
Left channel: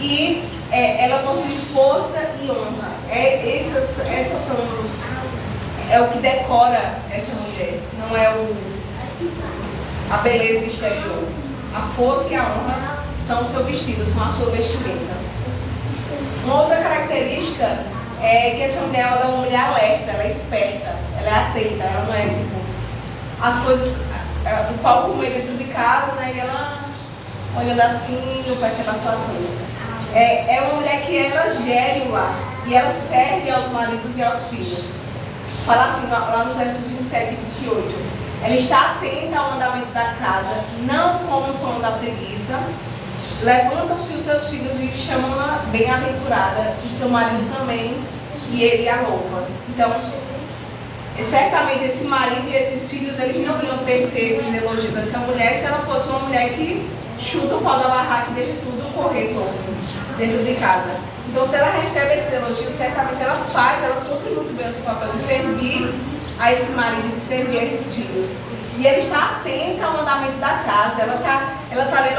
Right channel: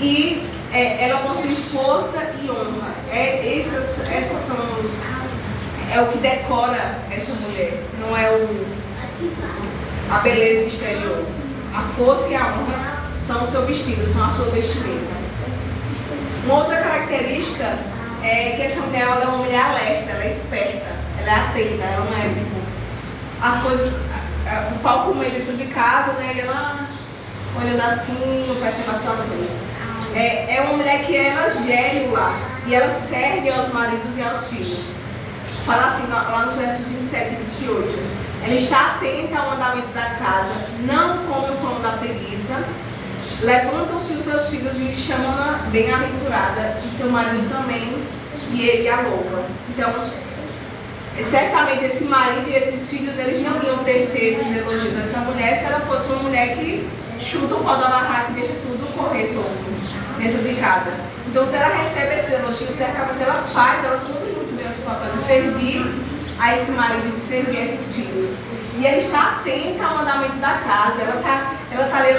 e ela possui força e honra. Essas são o que decora essa mulher, não é a beleza exterior. A força e a honra são o seu vestido, são a sua vestimenta. Uma outra característica é que essa mulher é uma mulher alerta, ela é esperta, ela é atenta, ela não é tipo as coisas, o pau comer dentro de casa, né, e ela olhando assim, não percebe as situações. É uma mulher que ela gere o lar e ela serve aos maridos e aos filhos. Fala assim, lá nos versos 27 e 28. Ela está atenta ao andamento da casa, não come o pão da preguiça. Levantam-se os seus filhos e chamam-na bem-aventurada, e seu marido também, e ele a louva. Então, certamente esse marido e esses filhos, eles não iam tecer esses elogios a essa mulher se ela fosse uma mulher que chuta o pau da barraca e deixa tudo correr solto dentro de casa. Então, se ela recebe esse elogio, certamente ela cumpre muito bem o seu papel de servir a esse marido, de servir a esses filhos. E ela está atenta ao andamento da casa, ela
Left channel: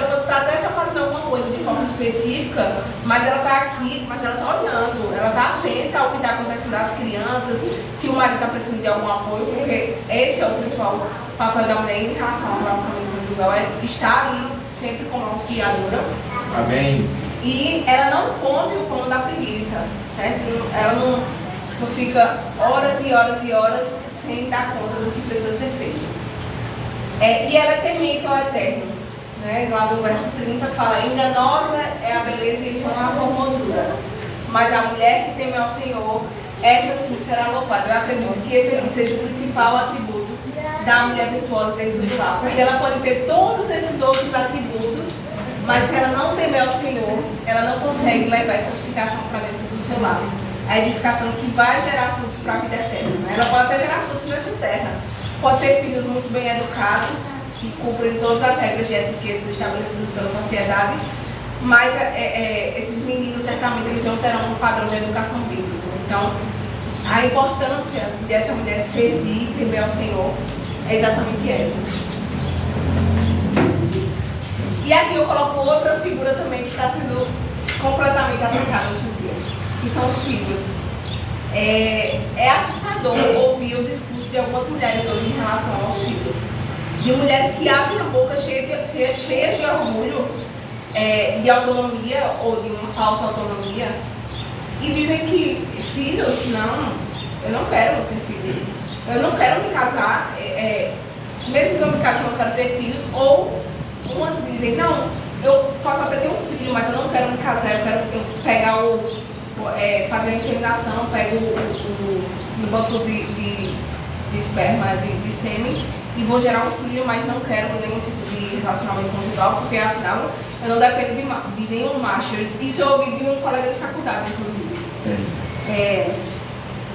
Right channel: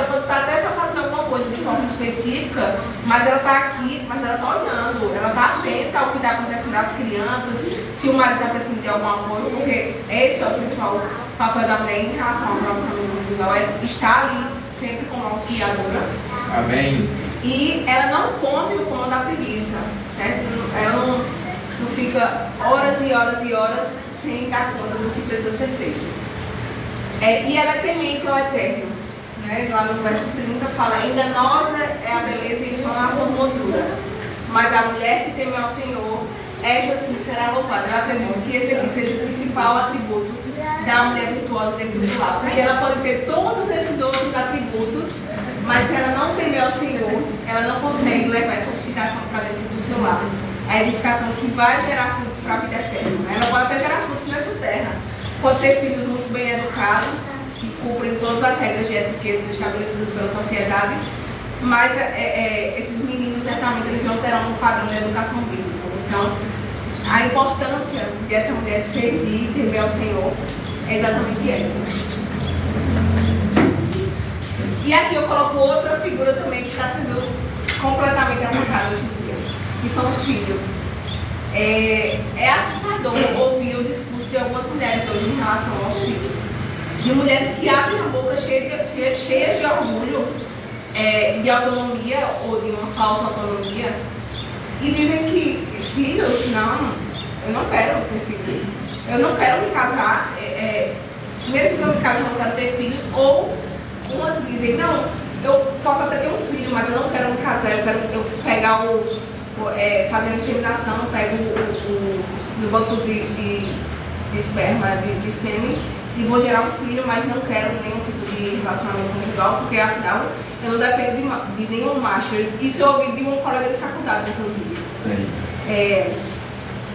pode até estar fazendo alguma coisa de forma específica, mas ela está aqui, mas ela está olhando, ela está atenta ao que está acontecendo às crianças, se o marido está precisando de algum apoio, porque esse é o principal papel da mulher em relação ao relacionamento conjugal, é estar ali sempre como auxiliadora. Amém. E ela não come o pão da preguiça, certo? Ela não fica horas e horas e horas sem dar conta do que precisa ser feito. E ela é temente ao Eterno, né? Lá no verso 30 fala: enganosa é a beleza e vã a formosura, mas a mulher que teme ao Senhor, essa sim será louvada. Eu acredito que esse aqui seja o principal atributo da mulher virtuosa dentro do lar, porque ela pode ter todos esses outros atributos, mas se ela não temer ao Senhor, ela não consegue levar essa edificação para dentro do seu lar. A edificação que vai gerar frutos para a vida eterna. Ela pode até gerar frutos nessa terra. Pode ter filhos muito bem educados, que cumprem todas as regras de etiquetas estabelecidas pela sociedade, mas esses meninos certamente eles não terão um padrão de educação bíblica. Então, a importância dessa mulher servir e temer ao Senhor é exatamente essa. E aqui eu coloco outra figura também que está sendo completamente atacada hoje em dia, que são os filhos. É assustador ouvir o discurso de algumas mulheres hoje em relação aos filhos. De mulheres que abrem a boca cheias de orgulho, de autonomia ou de uma falsa autonomia, e dizem que filhos, não, eu não quero ter filhos, eu não quero me casar, mesmo que eu me case, eu não quero ter filhos, ou umas dizem, não, eu posso até ter um filho, mas eu não quero me casar, eu quero pegar fazer a inseminação, pego o banco de esperma, de sêmen, e vou gerar um filho, mas não quero nenhum tipo de relacionamento conjugal, porque afinal eu não dependo de nenhum macho. Isso eu ouvi de um colega de faculdade, inclusive.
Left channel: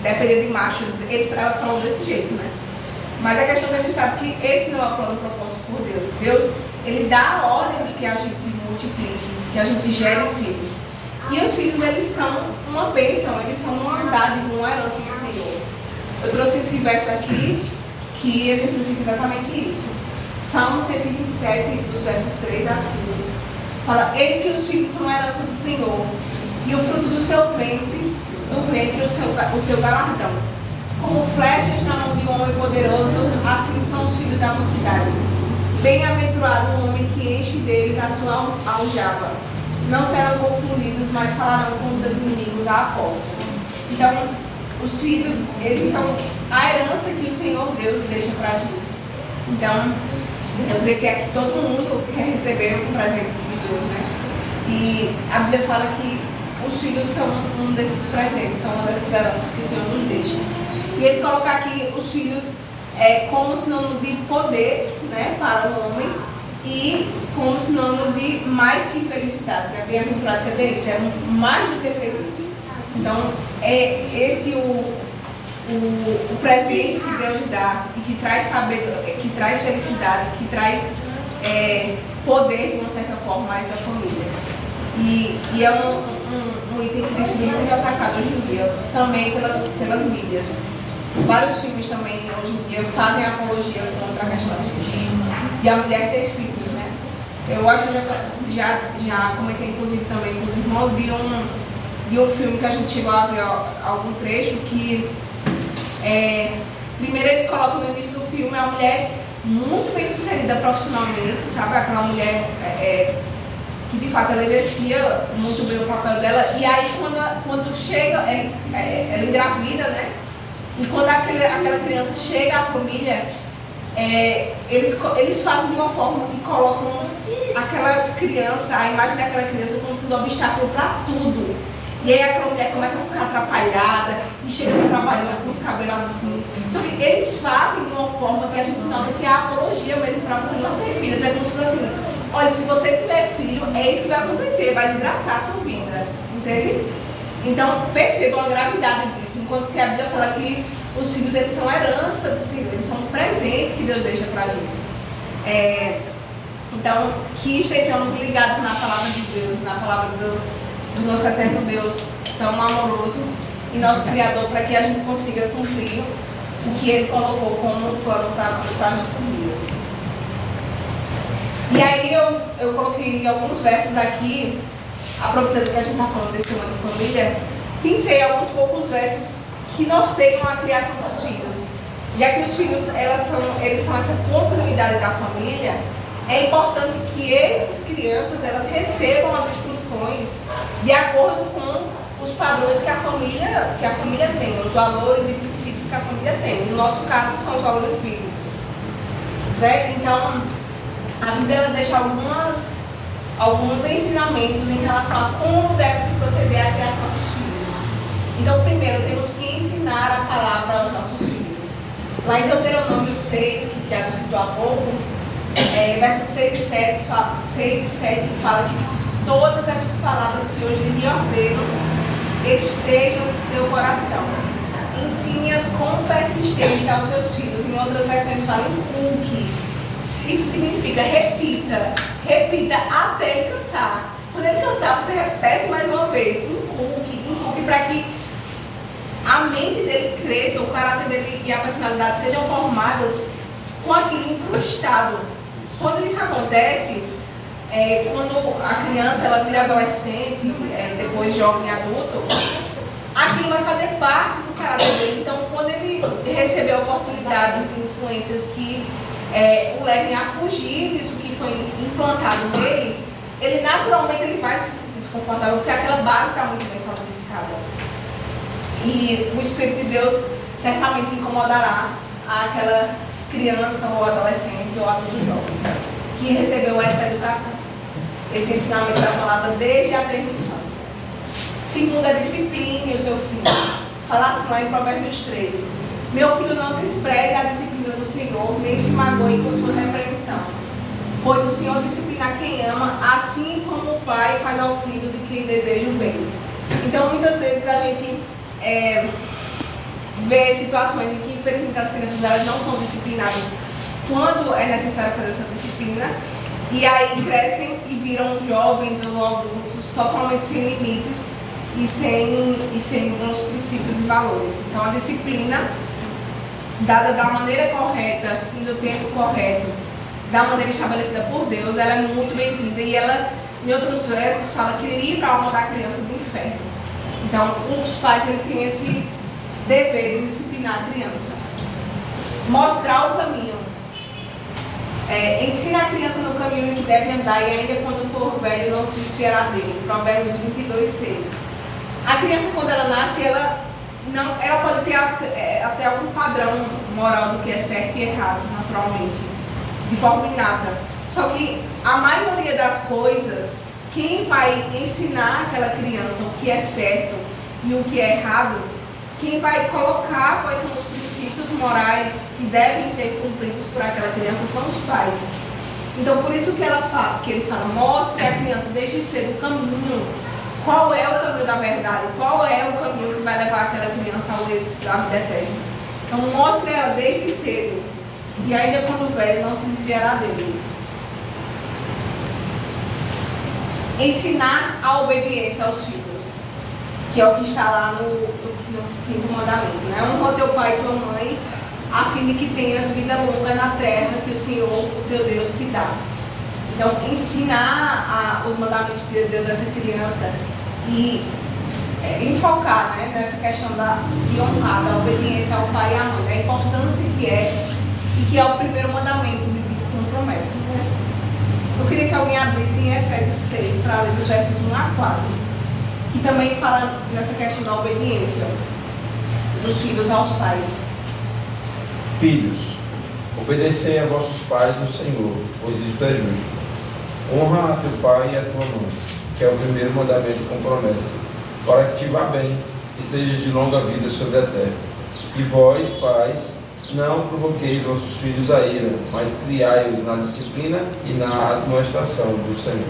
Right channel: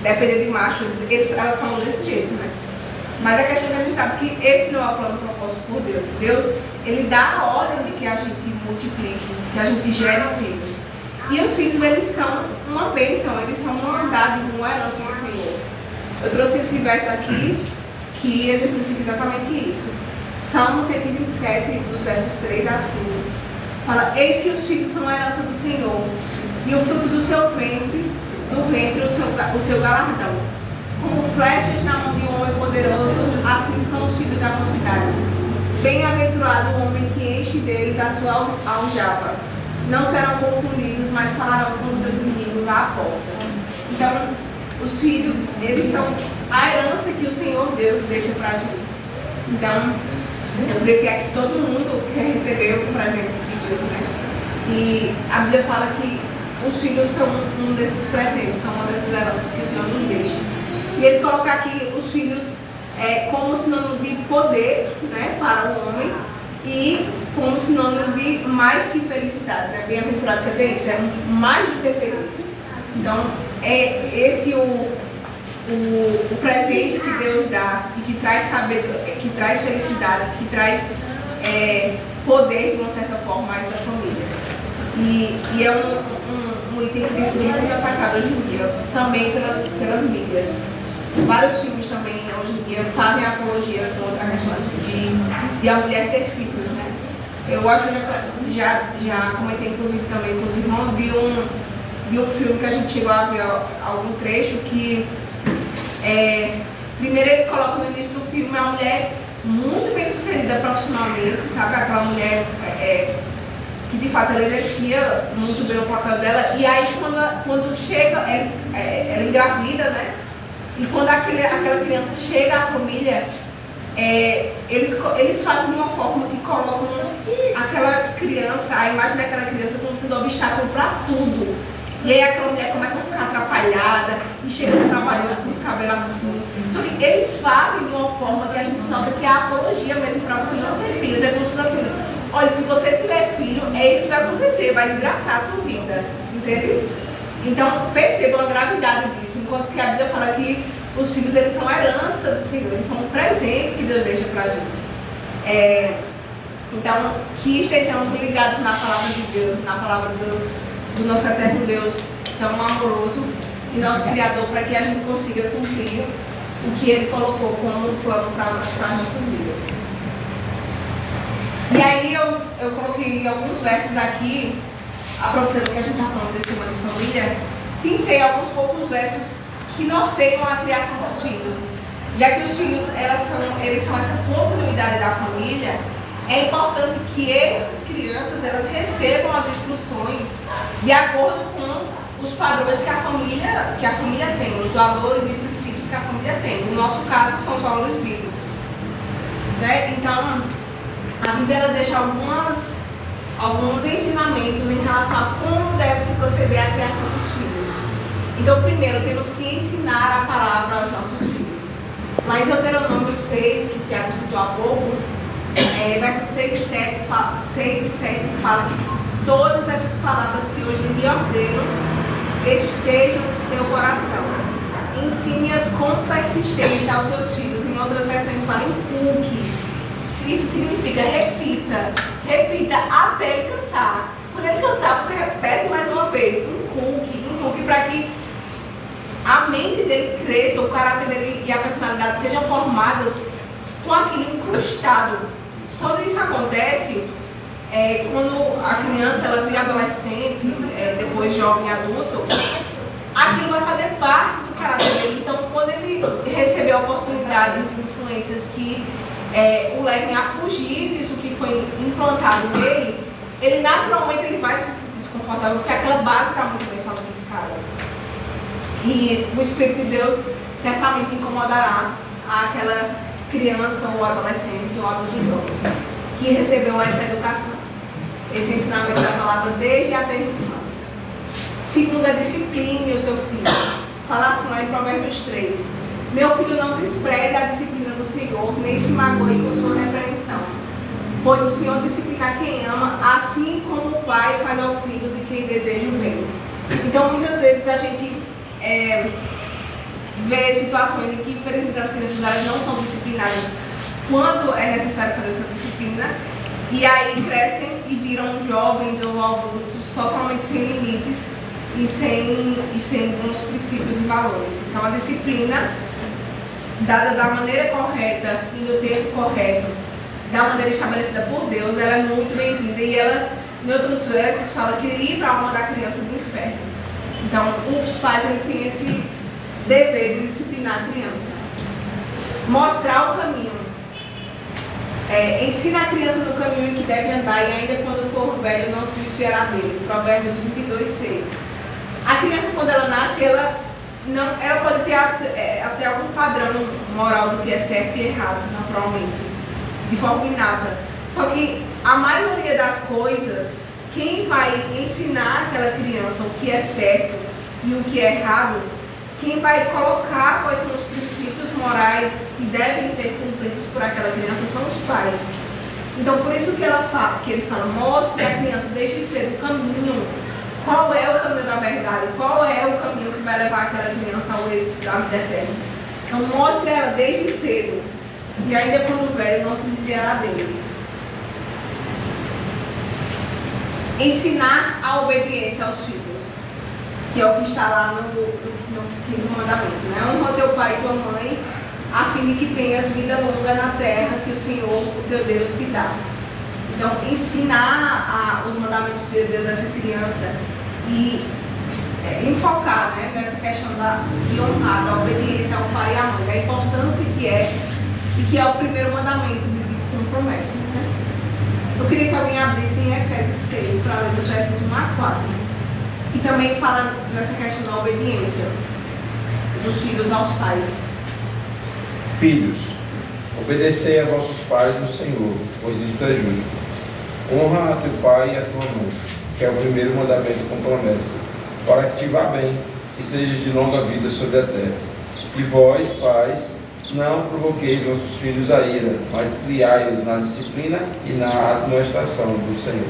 Depender de macho, elas falam desse jeito, né? Mas a questão é que a gente sabe que esse não é o plano proposto por Deus. Deus, ele dá a ordem de que a gente multiplique, que a gente gere filhos. E os filhos, eles são uma bênção, eles são uma dádiva, uma herança do Senhor. Eu trouxe esse verso aqui que exemplifica exatamente isso. Salmo 127, dos versos 3 a 5. Fala: eis que os filhos são a herança do Senhor, e o fruto do seu ventre, o seu galardão. Como flechas na mão de um homem poderoso, assim são os filhos da mocidade. Bem-aventurado o homem que enche deles a sua aljava. Não serão confundidos, mas falarão com os seus inimigos a após. Então, os filhos, eles são a herança que o Senhor Deus deixa para a gente. Então, eu creio que aqui todo mundo quer receber o presente de Deus, né? E a Bíblia fala que os filhos são um desses presentes, são uma dessas heranças que o Senhor nos deixa. E ele coloca aqui os filhos como sinônimo de poder, né, para o homem, e como sinônimo de mais que felicidade, né? Bem-aventurado quer dizer isso, é mais do que feliz. Então, é esse o presente que Deus dá e que traz sabedoria, que traz felicidade, que traz poder, de uma certa forma, a essa família. E é um item que tem sido muito atacado hoje em dia, também pelas mídias. Vários filmes também, hoje em dia, fazem apologia contra a questão de a mulher ter filhos, né? Eu acho que eu já comentei, inclusive, também com os irmãos, de um filme que a gente chegou a ver algum trecho que... primeiro ele coloca no início do filme a mulher muito bem sucedida profissionalmente, sabe? Aquela mulher que de fato ela exercia muito bem o papel dela, e aí quando chega, ela engravida, né? E quando aquela criança chega à família, eles fazem de uma forma que colocam aquela criança, a imagem daquela criança como sendo um obstáculo para tudo. E aí aquela mulher começa a ficar atrapalhada e chega trabalhando com os cabelos assim. Só que eles fazem de uma forma que a gente nota que é a apologia mesmo para você não ter filhos. É como se fosse assim: olha, se você tiver filho, é isso que vai acontecer, vai desgraçar a sua vida. Entende? Então percebam a gravidade disso. Enquanto que a Bíblia fala que os filhos, eles são a herança do Senhor, eles são um presente que Deus deixa para a gente. Então, que estejamos ligados na palavra de Deus, na palavra do nosso eterno Deus tão amoroso e nosso Criador, para que a gente consiga cumprir o que Ele colocou como plano para as nossas vidas. E aí eu coloquei alguns versos aqui, aproveitando que a gente está falando desse tema de família, pensei alguns poucos versos que norteiam a criação dos filhos. Já que os filhos, eles são essa continuidade da família, é importante que essas crianças elas recebam as instruções de acordo com os padrões que a família tem, os valores e princípios que a família tem. No nosso caso, são os valores bíblicos. Né? Então, a Bíblia ela deixa alguns ensinamentos em relação a como deve se proceder à criação dos filhos. Então, primeiro, temos que ensinar a palavra aos nossos filhos. Lá em Deuteronômio 6, que Tiago citou há pouco, versos 6 e 7 fala que todas estas palavras que hoje lhe ordeno estejam no seu coração. Ensine-as com persistência aos seus filhos. Em outras versões fala inculque. Isso significa repita até ele cansar. Quando ele cansar, você repete mais uma vez. Inculque para que a mente dele cresça, o caráter dele e a personalidade sejam formadas com aquilo incrustado. Quando isso acontece, quando a criança ela vira adolescente, depois jovem e adulto, aquilo vai fazer parte do caráter dele. Então, quando ele receber oportunidades e influências que o levem a fugir disso que foi implantado nele, ele naturalmente ele vai se sentir desconfortável, porque aquela base está muito bem solidificada. E o Espírito de Deus certamente incomodará aquela criança ou adolescente ou adulto jovem que recebeu essa educação, esse ensinamento da palavra desde a terra infância. Segunda, discipline o seu filho. Fala assim lá em Provérbios 3: meu filho, não despreze a disciplina do Senhor, nem se magoe com sua repreensão, pois o Senhor disciplina quem ama, assim como o pai faz ao filho de quem deseja o bem. Então, muitas vezes a gente vê situações em que, infelizmente, as crianças elas não são disciplinadas quando é necessário fazer essa disciplina, e aí crescem e viram jovens ou adultos totalmente sem limites, e sem bons princípios e valores. Então, a disciplina, dada da maneira correta e no tempo correto, da maneira estabelecida por Deus, ela é muito bem-vinda e ela, em outros versos, fala que livra a alma da criança do inferno. Então, os pais têm esse dever de disciplinar a criança, mostrar o caminho, ensina a criança no caminho em que deve andar e ainda quando for velho não se desviará dele. Provérbios 22:6. A criança, quando ela nasce, ela pode ter até algum padrão moral do que é certo e errado, naturalmente, de forma inata. Só que a maioria das coisas, quem vai ensinar aquela criança o que é certo e o que é errado, quem vai colocar quais são os princípios morais que devem ser cumpridos por aquela criança são os pais. Então, por isso que ele fala, mostre à criança desde cedo o caminho. Qual é o caminho da verdade? Qual é o caminho que vai levar aquela criança ao êxito da vida eterna? Então, mostre ela desde cedo. E ainda quando velho, não se desviará dele. Ensinar a obediência aos filhos, que é o que está lá no 5º mandamento, né? Honra teu pai e tua mãe, a fim de que tenhas vida longa na terra que o Senhor, o teu Deus, te dá. Então, ensinar os mandamentos de Deus a essa criança e enfocar, né, nessa questão de honrar, da obediência ao pai e à mãe, a importância que é, e que é o primeiro mandamento bíblico com promessa. Né? Eu queria que alguém abrisse em Efésios 6, para ler dos versos 1 a 4, que também fala nessa questão da obediência dos filhos aos pais. Filhos, obedecei a vossos pais no Senhor, pois isto é justo. Honra a teu pai e a tua mãe, que é o primeiro mandamento com promessa, para que te vá bem e sejas de longa vida sobre a terra. E vós, pais, não provoqueis vossos filhos a ira, mas criai-os na disciplina e na admoestação do Senhor.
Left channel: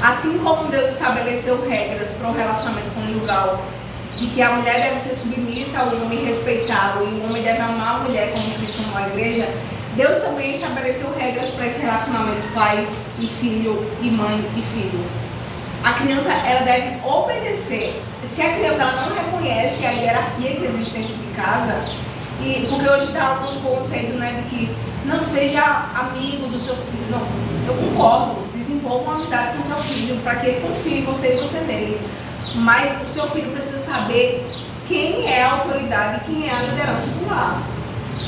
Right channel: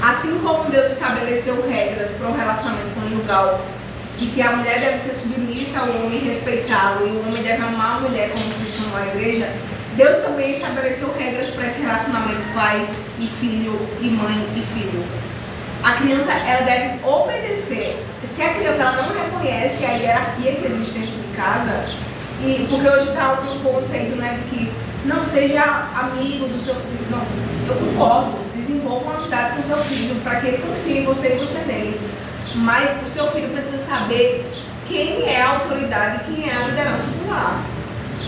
Assim como Deus estabeleceu regras para um relacionamento conjugal, e que a mulher deve ser submissa ao homem e respeitá-lo, e o homem deve amar a mulher como Cristo amou a igreja, Deus também estabeleceu regras para esse relacionamento pai e filho, e mãe e filho. A criança, ela deve obedecer. Se a criança ela não reconhece a hierarquia que existe dentro de casa, e porque hoje está um conceito, né, de que não seja amigo do seu filho. Não, eu concordo, desenvolva uma amizade com o seu filho para que ele confie em você e você nele. Mas o seu filho precisa saber quem é a autoridade, quem é a liderança do lar.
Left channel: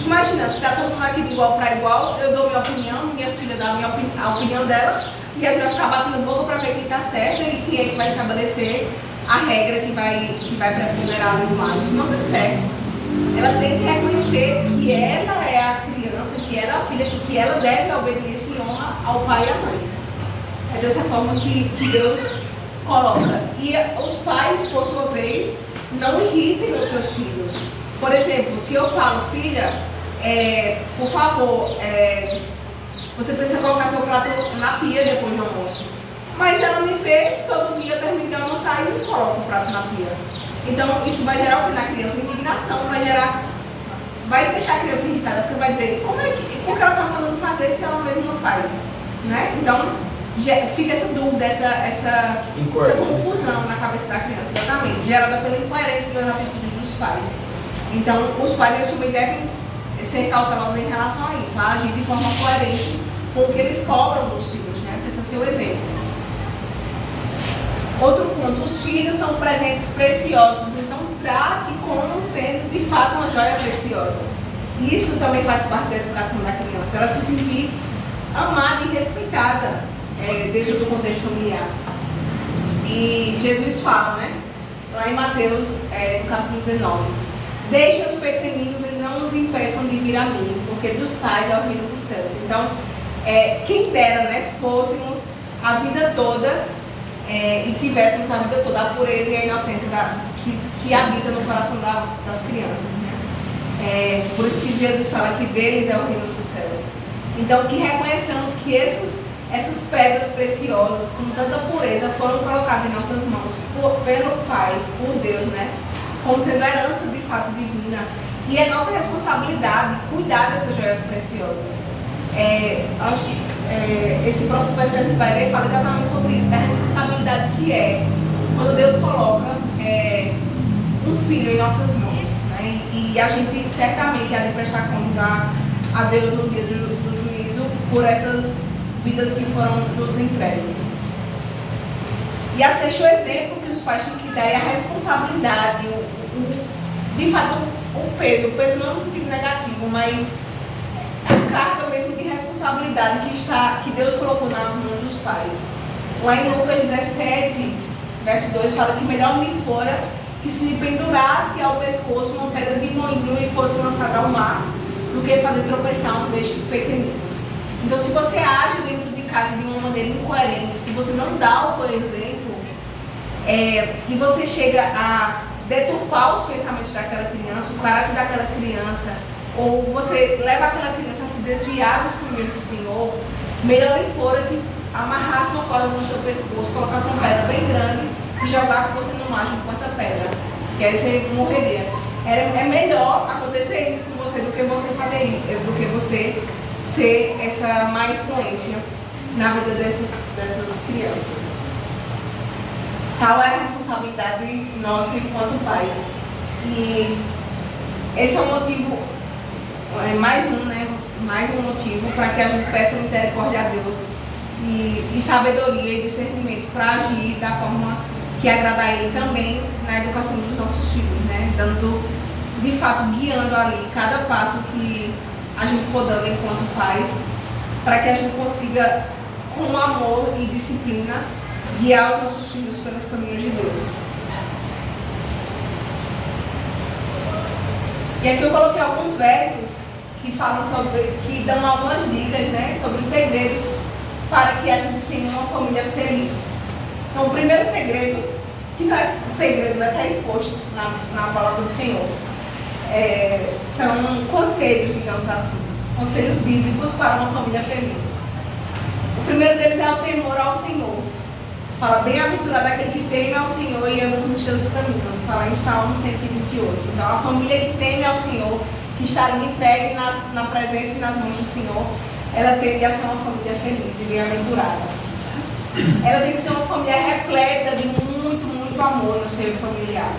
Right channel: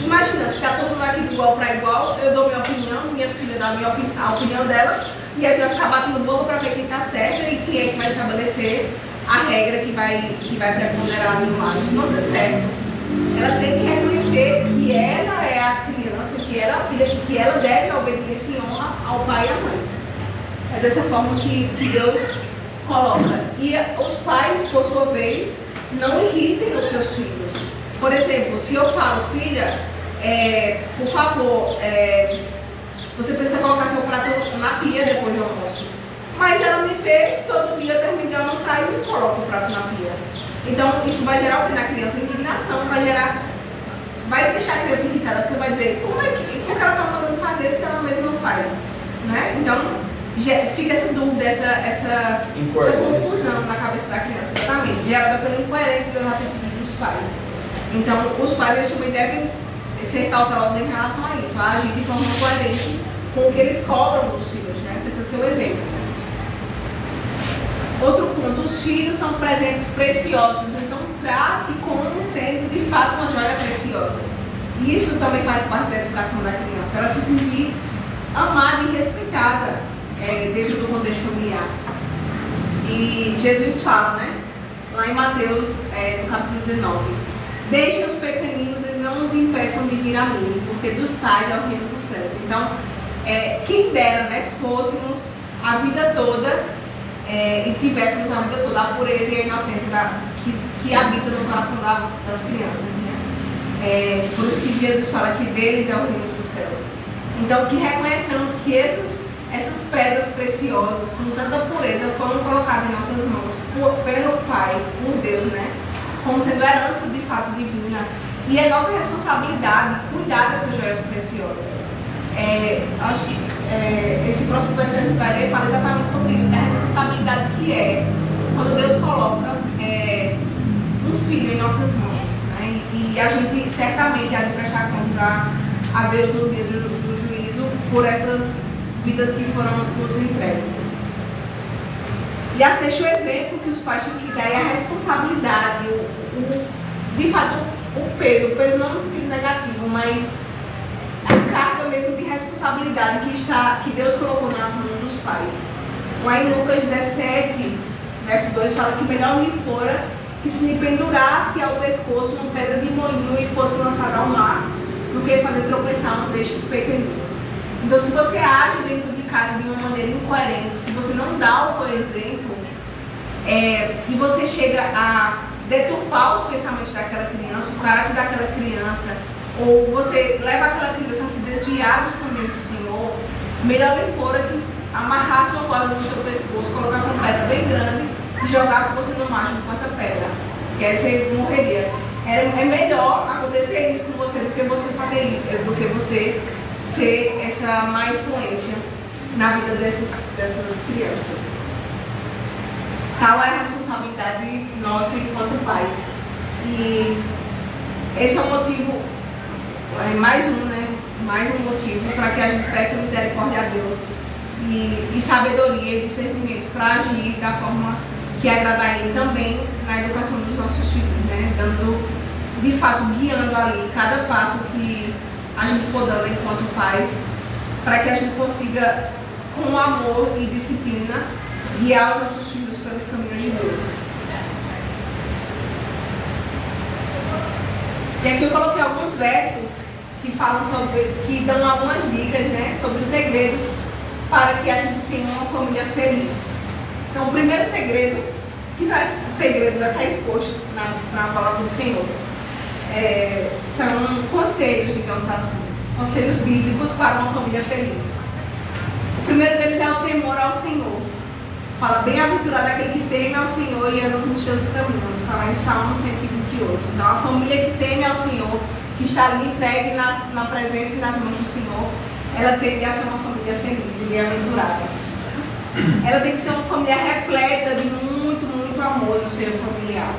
Imagina, se está todo mundo aqui de igual para igual, eu dou minha opinião, minha filha dá a opinião dela, e a gente vai ficar batendo boca para ver quem está certo e quem é que vai estabelecer a regra que vai preponderar no lar. Isso não dá certo. Ela tem que reconhecer que ela é a criança, que ela é a filha, que ela deve a obediência e honra ao pai e à mãe. É dessa forma que Deus coloca. E os pais, por sua vez, não irritem os seus filhos. Por exemplo, se eu falo, filha, por favor, você precisa colocar seu prato na pia depois do almoço. Mas ela me vê todo dia terminando de almoçar e não coloca o prato na pia. Então, isso vai gerar na criança indignação, vai deixar a criança irritada, porque vai dizer, como é que ela está mandando fazer se ela mesma não faz? Né? Então, fica essa dúvida, essa confusão na cabeça da criança, exatamente, gerada pela incoerência das atitudes dos pais. Então, os pais eles também devem ser cautelosos em relação a isso, a agir de forma coerente com o que eles cobram dos filhos, né? Precisa ser o exemplo. Outro ponto, os filhos são presentes preciosos, então trate como sendo de fato uma joia preciosa. E isso também faz parte da educação da criança, ela se sentir amada e respeitada dentro do contexto familiar. E Jesus fala, né, lá em Mateus, no capítulo 19, deixem os pequeninos e não os impeçam de vir a mim, porque dos tais é o reino dos céus. Então, quem dera, né, fôssemos a vida toda e tivéssemos a vida toda a pureza e a inocência que habita no coração das crianças. Né? Por isso que Jesus fala que deles é o reino dos céus. Então, que reconheçamos que essas pedras preciosas, com tanta pureza, foram colocadas em nossas mãos pelo Pai, por Deus, né? Como sendo herança de fato divina. E é nossa responsabilidade cuidar dessas joias preciosas. Acho que esse próximo verso que a gente vai ler fala exatamente sobre isso. É a responsabilidade que é quando Deus coloca um filho em nossas mãos, né? E a gente certamente há de prestar contas a Deus no dia do juízo por essas vidas que foram nos entregues. E aceite o exemplo que os pais têm que dar e a responsabilidade, de fato, o peso não no sentido negativo, mas a carga mesmo de responsabilidade que Deus colocou nas mãos dos pais. Lá em Lucas 17, verso 2, fala que melhor lhe fora que se lhe pendurasse ao pescoço uma pedra de moinho e fosse lançada ao mar, do que fazer tropeçar um destes pequeninos. Então, se você age dentro de casa de uma maneira incoerente, se você não dá o exemplo, e você chega a deturpar os pensamentos daquela criança, o caráter daquela criança, ou você leva aquela criança a se desviar dos caminhos do Senhor, melhor lhe fora que amarrasse sua corda no seu pescoço, colocasse uma pedra bem grande e jogasse você no mar junto com essa pedra, que aí você morreria. É melhor acontecer isso com você do que você ser essa má influência na vida dessas crianças. Tal é a responsabilidade nossa enquanto pais. E esse é o motivo, mais um motivo para que a gente peça misericórdia a Deus e sabedoria e discernimento para agir da forma que agrada a Ele também na educação dos nossos filhos, né? Dando, de fato, guiando ali cada passo que a gente for dando enquanto pais, para que a gente consiga, com amor e disciplina, guiar os nossos filhos pelos caminhos de Deus. E aqui eu coloquei alguns versos que falam que dão algumas dicas, né, sobre os segredos para que a gente tenha uma família feliz. Então, o primeiro segredo, que não é segredo, vai estar exposto na palavra do Senhor, são conselhos, digamos assim, conselhos bíblicos para uma família feliz. O primeiro deles é o temor ao Senhor. Fala, bem-aventurado aquele que teme ao Senhor e anda nos seus caminhos. Está lá em Salmo 128. Então, a família que teme ao Senhor, que está ali entregue na presença e nas mãos do Senhor, ela tende a ser uma família feliz e bem-aventurada. Ela tem que ser uma família repleta de muito, muito amor no seio familiar.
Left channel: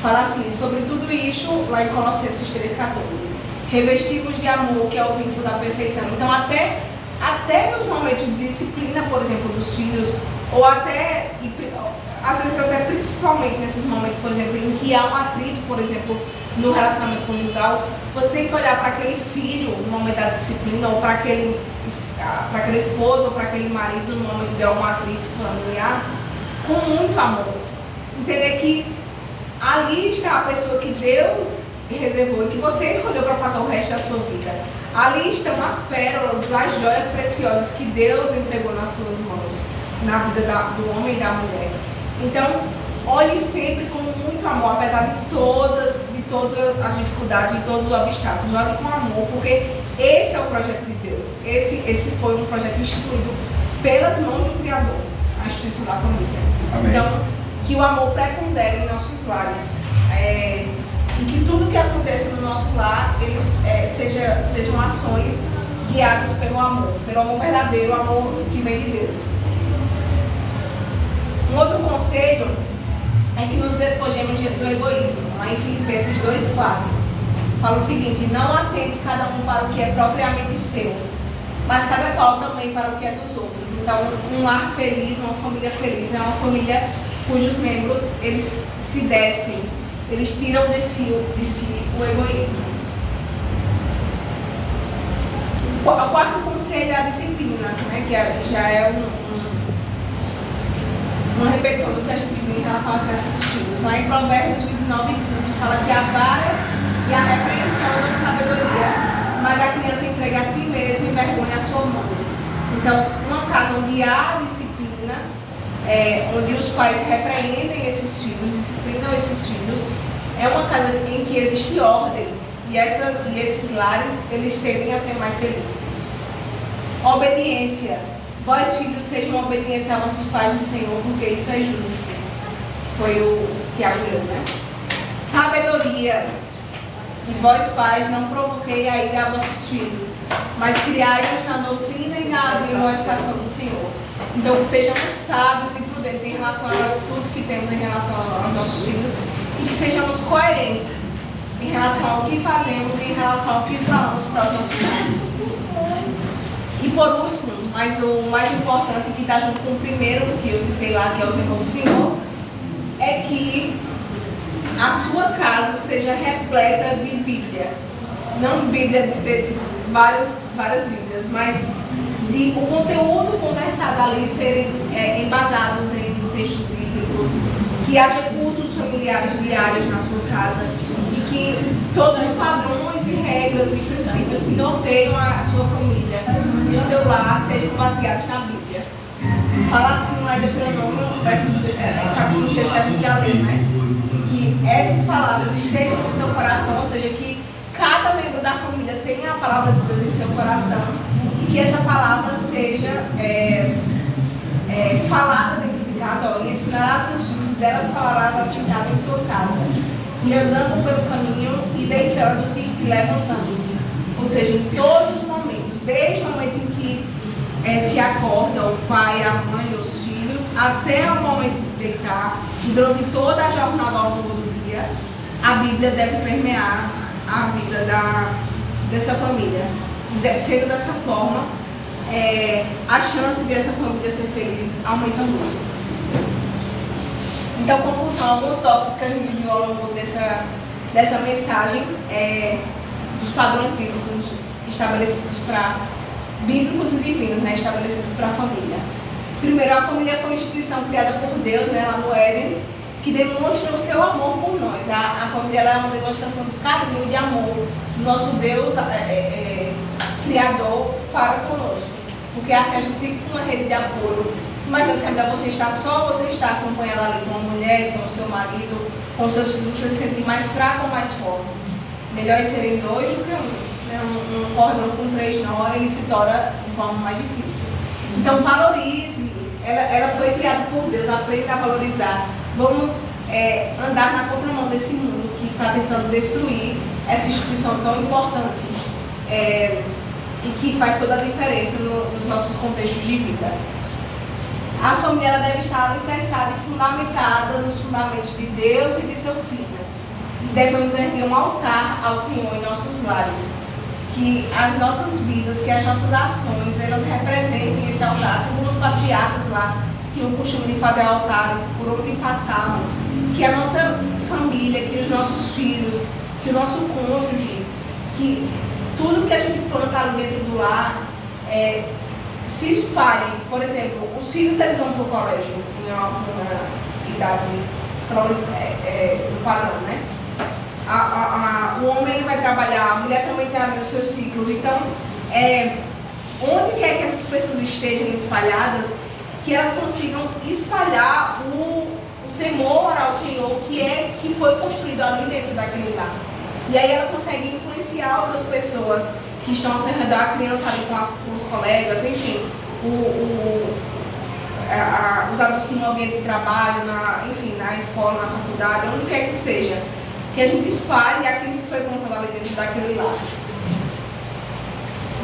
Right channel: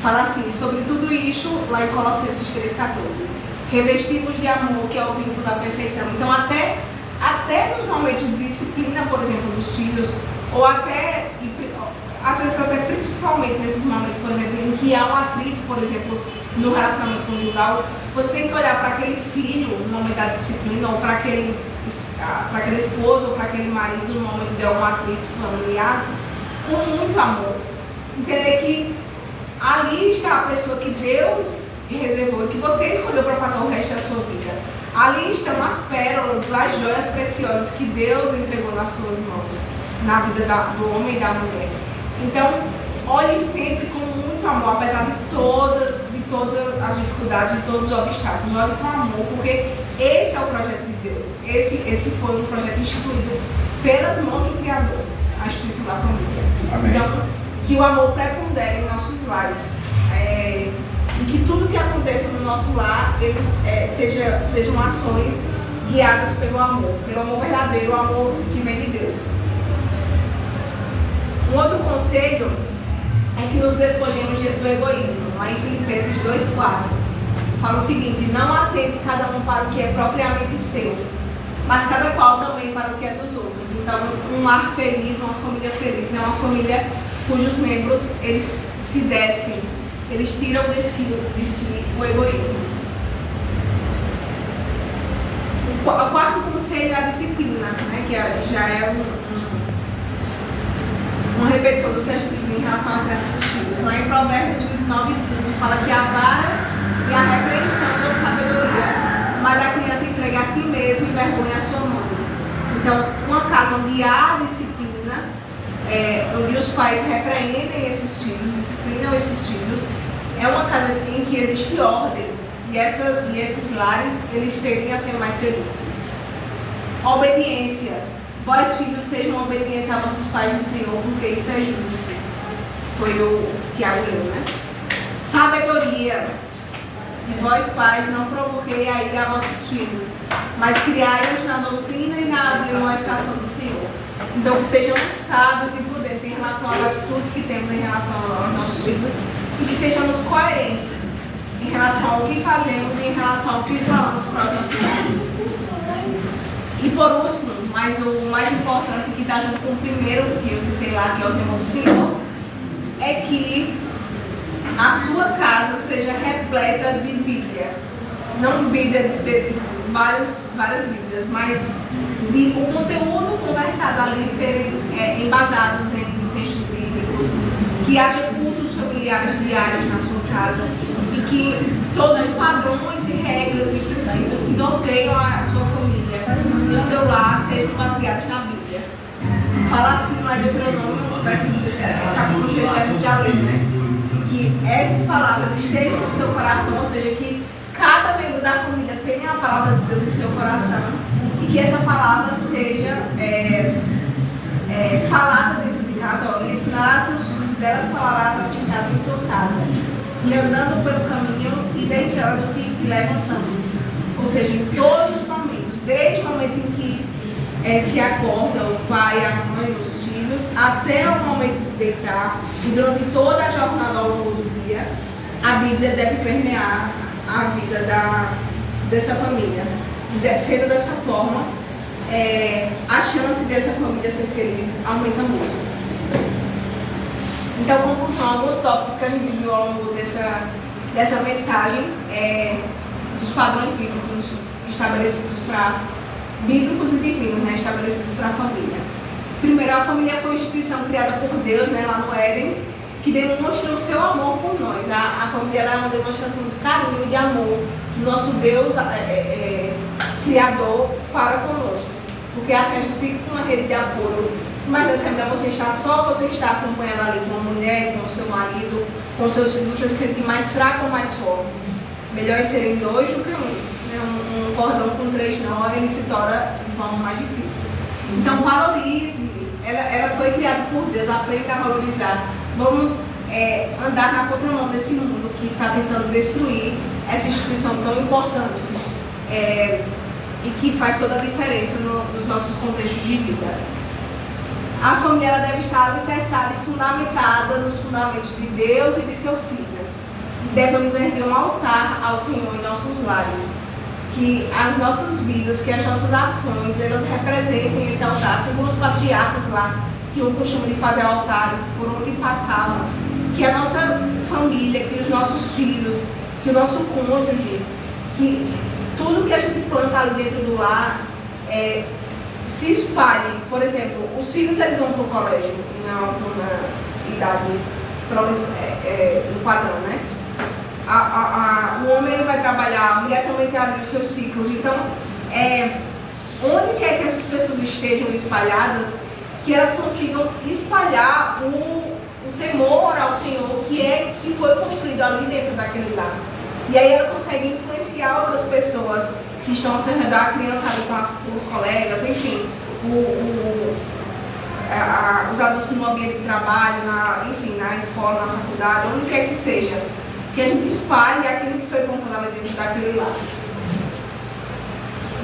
Fala assim, sobre tudo isso, lá em Colossenses 3,14. Revestivos de amor, que é o vínculo da perfeição. Então, até nos momentos de disciplina, por exemplo, dos filhos, ou até, às vezes até principalmente nesses momentos, por exemplo, em que há um atrito, por exemplo, no relacionamento conjugal, você tem que olhar para aquele filho no momento da disciplina, ou para aquele esposo, ou para aquele marido no momento de algum atrito familiar, com muito amor. Entender que ali está a pessoa que Deus reservou e que você escolheu para passar o resto da sua vida. Ali estão as pérolas, as joias preciosas que Deus entregou nas suas mãos, na vida do homem e da mulher. Então, olhe sempre com muito amor, apesar de todas as dificuldades, de todos os obstáculos. Olhe com amor, porque esse é o projeto de Deus. Esse foi um projeto instituído pelas mãos do Criador, a instituição da família. Amém. Então, que o amor prepondere em nossos lares. E que tudo que aconteça no nosso lar, sejam ações guiadas pelo amor verdadeiro, o amor que vem de Deus. Um outro conselho é que nos despojemos do egoísmo. Lá em Filipenses 2,4 fala o seguinte: não atente cada um para o que é propriamente seu, mas cada qual também para o que é dos outros. Então, um lar feliz, uma família feliz, é uma família cujos membros eles se despem, eles tiram de si o egoísmo. O quarto conselho é a disciplina, né, que já é uma repetição do que a gente viu em relação à criança dos filhos. Lá em Provérbios 29:15 fala que a vara e a repreensão dão sabedoria, mas a criança entrega a si mesma e envergonha a sua mãe. Então, uma casa onde há disciplina, onde os pais repreendem esses filhos, disciplinam esses filhos, é uma casa em que existe ordem e esses lares eles tendem a ser mais felizes. Obediência. Vós, filhos, sejam obedientes a vossos pais no Senhor, porque isso é justo. Foi o Tiago leu, né? Sabedoria. E vós, pais, não provoquei a ira a vossos filhos, mas criai-os na doutrina e na admoestação do Senhor. Então, que sejamos sábios e prudentes em relação às atitudes que temos em relação aos nossos filhos e que sejamos coerentes em relação ao que fazemos e em relação ao que falamos para os nossos filhos. E por último, mas o mais importante, que está junto com o primeiro que eu citei lá, que é o temor do Senhor, é que a sua casa seja repleta de Bíblia. Não Bíblia de ter várias Bíblias, mas de o conteúdo conversado ali serem embasados em textos bíblicos, que haja cultos familiares diários na sua casa e que todos os padrões e regras e princípios que norteiam a sua família e o seu lar sejam baseados na Bíblia. Fala assim lá em Deuteronômio, capítulo 6 que a gente já leu, né? Que essas palavras estejam no seu coração, ou seja, que cada membro da família tenha a palavra de Deus em seu coração e que essa palavra seja falada dentro de casa, e ensinarás seus filhos, e delas falarás assentado em sua casa, e andando pelo caminho, e deitando-te e levantando-te. Ou seja, em todos os momentos, desde o momento em que se acorda o pai, a mãe, os filhos, até o momento de deitar, e durante toda a jornada ao longo do dia, a Bíblia deve permear a vida dessa família. Sendo dessa forma, a chance dessa família ser feliz aumenta muito. Então, conclusão, alguns tópicos que a gente viu ao longo dessa mensagem, dos padrões bíblicos estabelecidos bíblicos e divinos, né, estabelecidos para a família. Primeiro, a família foi uma instituição criada por Deus, né, lá no Éden, que demonstra o seu amor por nós. A família é uma demonstração de carinho e de amor do nosso Deus Criador para conosco. Porque assim a gente fica com uma rede de apoio. Imagina se a mulher você está só, você está acompanhada ali com uma mulher, com o seu marido, com os seus filhos, você se sente mais fraco ou mais forte. Melhor é serem dois do que um. Um cordão com 3 nós, ele se torna de forma mais difícil. Então valorize. Ela foi criada por Deus, aprenda a valorizar. Vamos andar na contramão desse mundo que está tentando destruir essa instituição tão importante e que faz toda a diferença nos nossos contextos de vida. A família ela deve estar alicerçada e fundamentada nos fundamentos de Deus e de seu Filho. E devemos erguer um altar ao Senhor em nossos lares. Que as nossas vidas, que as nossas ações, elas representem esse altar, segundo os patriarcas lá, que o costume de fazer altares por onde passavam, que a nossa família, que os nossos filhos, que o nosso cônjuge, que tudo que a gente planta ali dentro do lar se espalhe. Por exemplo, os filhos eles vão para o colégio numa idade no padrão, né? O homem ele vai trabalhar, a mulher também tem ali os seus ciclos. Então, onde quer que essas pessoas estejam espalhadas, que elas consigam espalhar o temor ao Senhor que foi construído ali dentro daquele lar. E aí ela consegue influenciar outras pessoas que estão ao seu redor, a criança ali com os colegas, enfim, os adultos no ambiente de trabalho, na escola, na faculdade, onde quer que seja. Que a gente espalhe aquilo que foi plantado ali dentro daquele lar.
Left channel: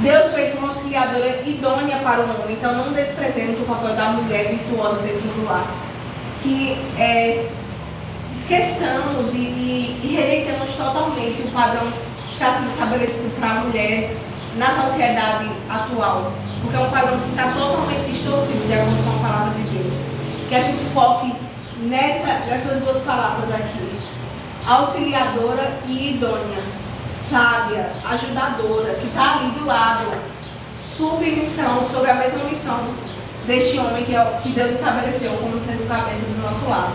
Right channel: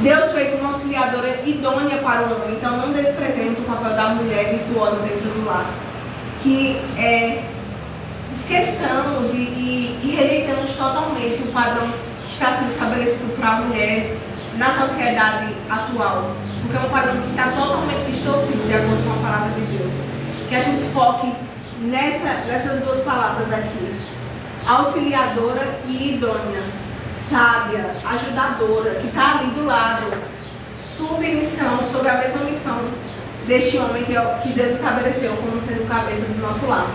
Deus fez uma auxiliadora idônea para o homem, então não desprezemos o papel da mulher virtuosa dentro do lar. Que esqueçamos e rejeitamos totalmente o padrão que está sendo estabelecido para a mulher na sociedade atual, porque é um padrão que está totalmente distorcido de acordo com a palavra de Deus. Que a gente foque nessas duas palavras aqui: auxiliadora e idônea, sábia, ajudadora, que está ali do lado, submissão, sobre a mesma missão deste homem que Deus estabeleceu como sendo o cabeça do nosso lar.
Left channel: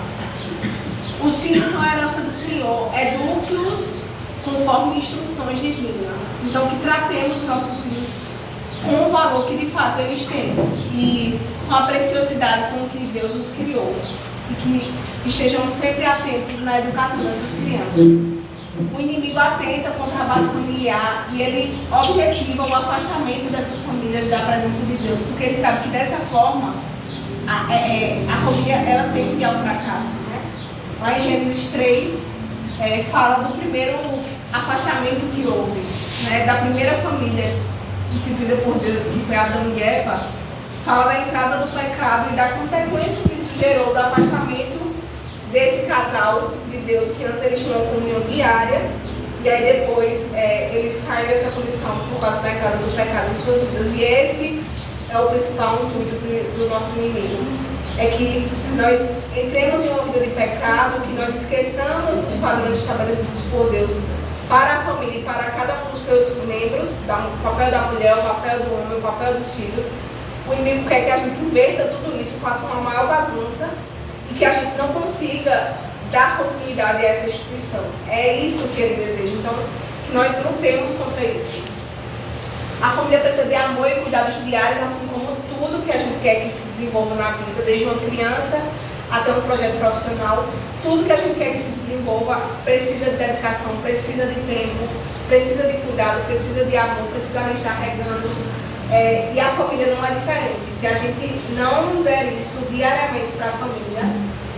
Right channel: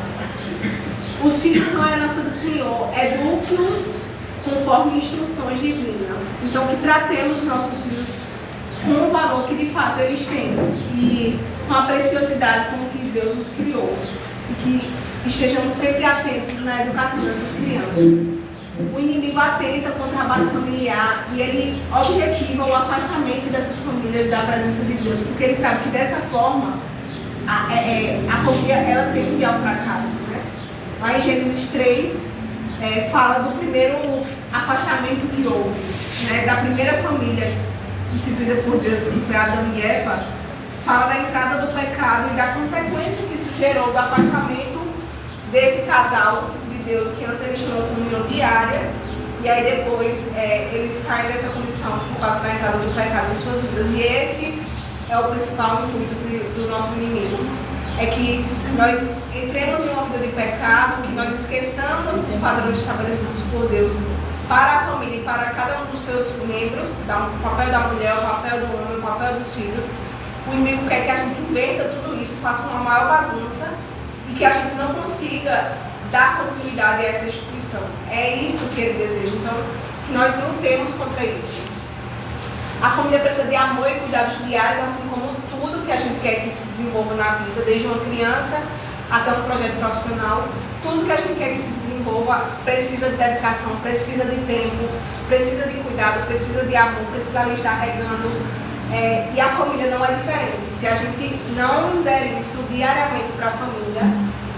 Os filhos são a herança do Senhor, eduque-os conforme instruções divinas. Então, que tratemos os nossos filhos com o valor que de fato eles têm e com a preciosidade com que Deus os criou. E que estejamos sempre atentos na educação dessas crianças. O inimigo atenta contra a base familiar e ele objetiva o afastamento dessas famílias da presença de Deus, porque ele sabe que dessa forma a família ela tende ao fracasso, né? Lá em Gênesis 3 fala do primeiro afastamento que houve, né? Da primeira família instituída por Deus, que foi Adão e Eva. fala da entrada do pecado e da consequência que isso gerou do afastamento desse casal de Deus, que antes eles tinham uma comunhão diária, e aí depois eles saem dessa condição por causa da entrada do pecado em suas vidas. E esse é o principal intuito do nosso inimigo, é que nós entremos em uma vida de pecado, que nós esqueçamos dos padrões estabelecidos por Deus para a família e para cada um dos seus membros, o papel da mulher, o papel do homem, o papel dos filhos. O inimigo quer que a gente inverta tudo isso, faça uma maior bagunça e que a gente não consiga dar continuidade a essa instituição. É isso que ele deseja. Então, nós lutemos contra isso. A família precisa de amor e cuidados diários, assim como tudo que a gente quer que se desenvolva na vida, desde uma criança até um projeto profissional. Tudo que a gente quer que se desenvolva precisa de dedicação, precisa de tempo, precisa de cuidado, precisa de amor, precisa de estar regando. E a família não é diferente. Se a gente não der isso diariamente para a família,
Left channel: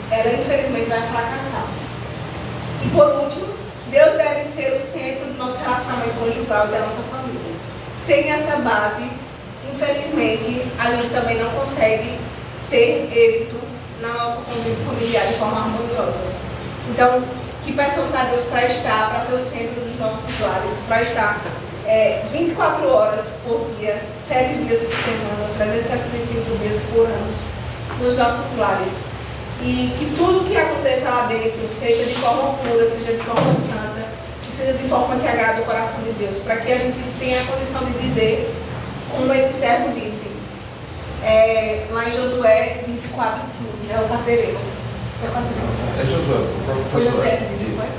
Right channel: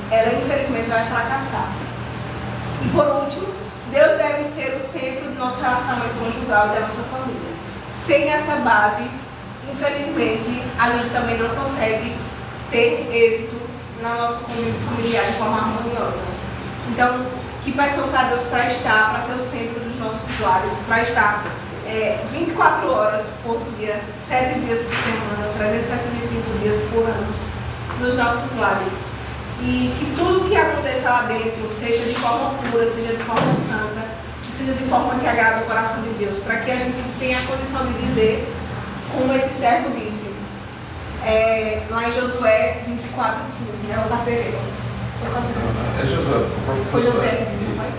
ela infelizmente vai fracassar. E por último, Deus deve ser o centro do nosso relacionamento conjugal e da nossa família. Sem essa base, infelizmente, a gente também não consegue ter êxito na nossa convívio familiar de forma harmoniosa. Então, que peçamos a Deus para estar, para ser o centro dos nossos lares, para estar 24 horas por dia, 7 dias por semana, 365 dias por ano, nos nossos lares. E que tudo que aconteça lá dentro seja de forma pura, seja de forma santa, que seja de forma que agrade o coração de Deus, para que a gente tenha a condição de dizer, como esse servo disse, lá em Josué 24:15, né? O carcereiro. É Josué. Foi Josué que disse, não foi?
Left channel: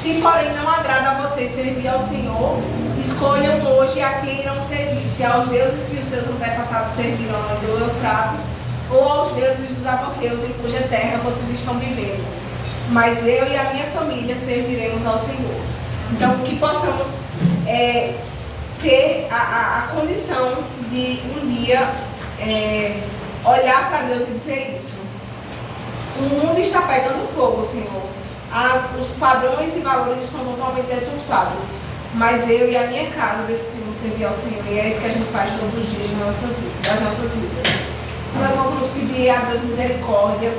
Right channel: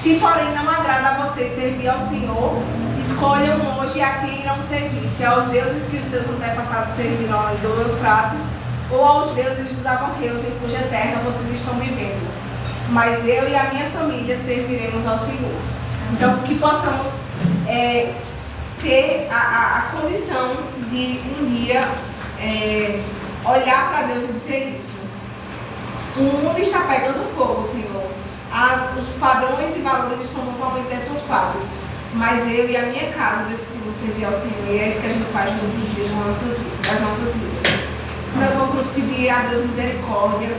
Se porém não agrada a vocês servir ao Senhor, escolham hoje a quem irão servir, se aos deuses que os seus antepassados serviram ao do Eufrates, ou aos deuses dos amorreus em cuja terra vocês estão vivendo. Mas eu e a minha família serviremos ao Senhor. Então, que possamos ter a condição de um dia olhar para Deus e dizer isso. O mundo está pegando fogo, Senhor. Os padrões e valores estão totalmente deturpados. Mas eu e a minha casa decidimos servir ao Senhor. E é isso que a gente faz todos os dias das nossas vidas. Nós vamos pedir a Deus misericórdia,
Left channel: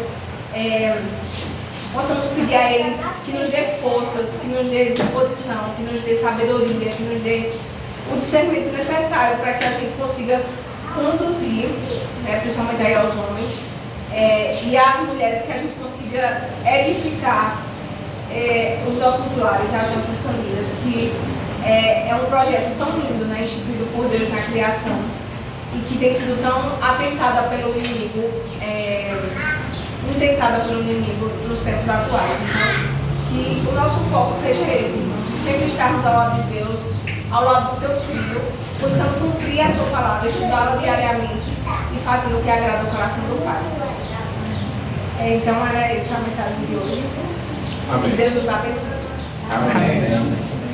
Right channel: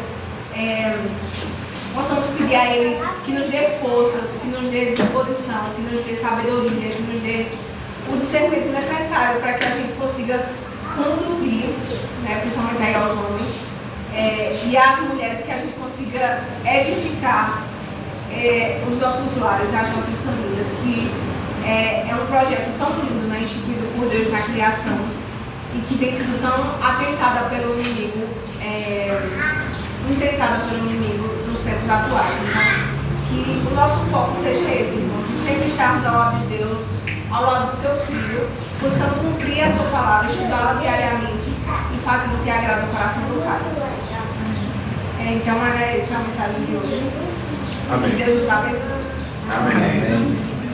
nós vamos pedir a Ele que nos dê forças, que nos dê disposição, que nos dê sabedoria, que nos dê o discernimento necessário para que a gente consiga conduzir, principalmente aí aos homens, e às mulheres, que a gente consiga edificar os nossos lares, as nossas famílias, que é um projeto tão lindo, instituído por Deus na criação, e que tem sido tão atentada pelo inimigo, intentada pelo inimigo nos tempos atuais. Então, que o nosso foco seja esse, irmão, de sempre estarmos ao lado de Deus, ao lado do seu Filho, buscando cumprir a sua palavra, estudá-la diariamente e fazendo o que agrada o coração do Pai. Então, era essa a mensagem de hoje. Amém. Que Deus nos abençoe. Amém.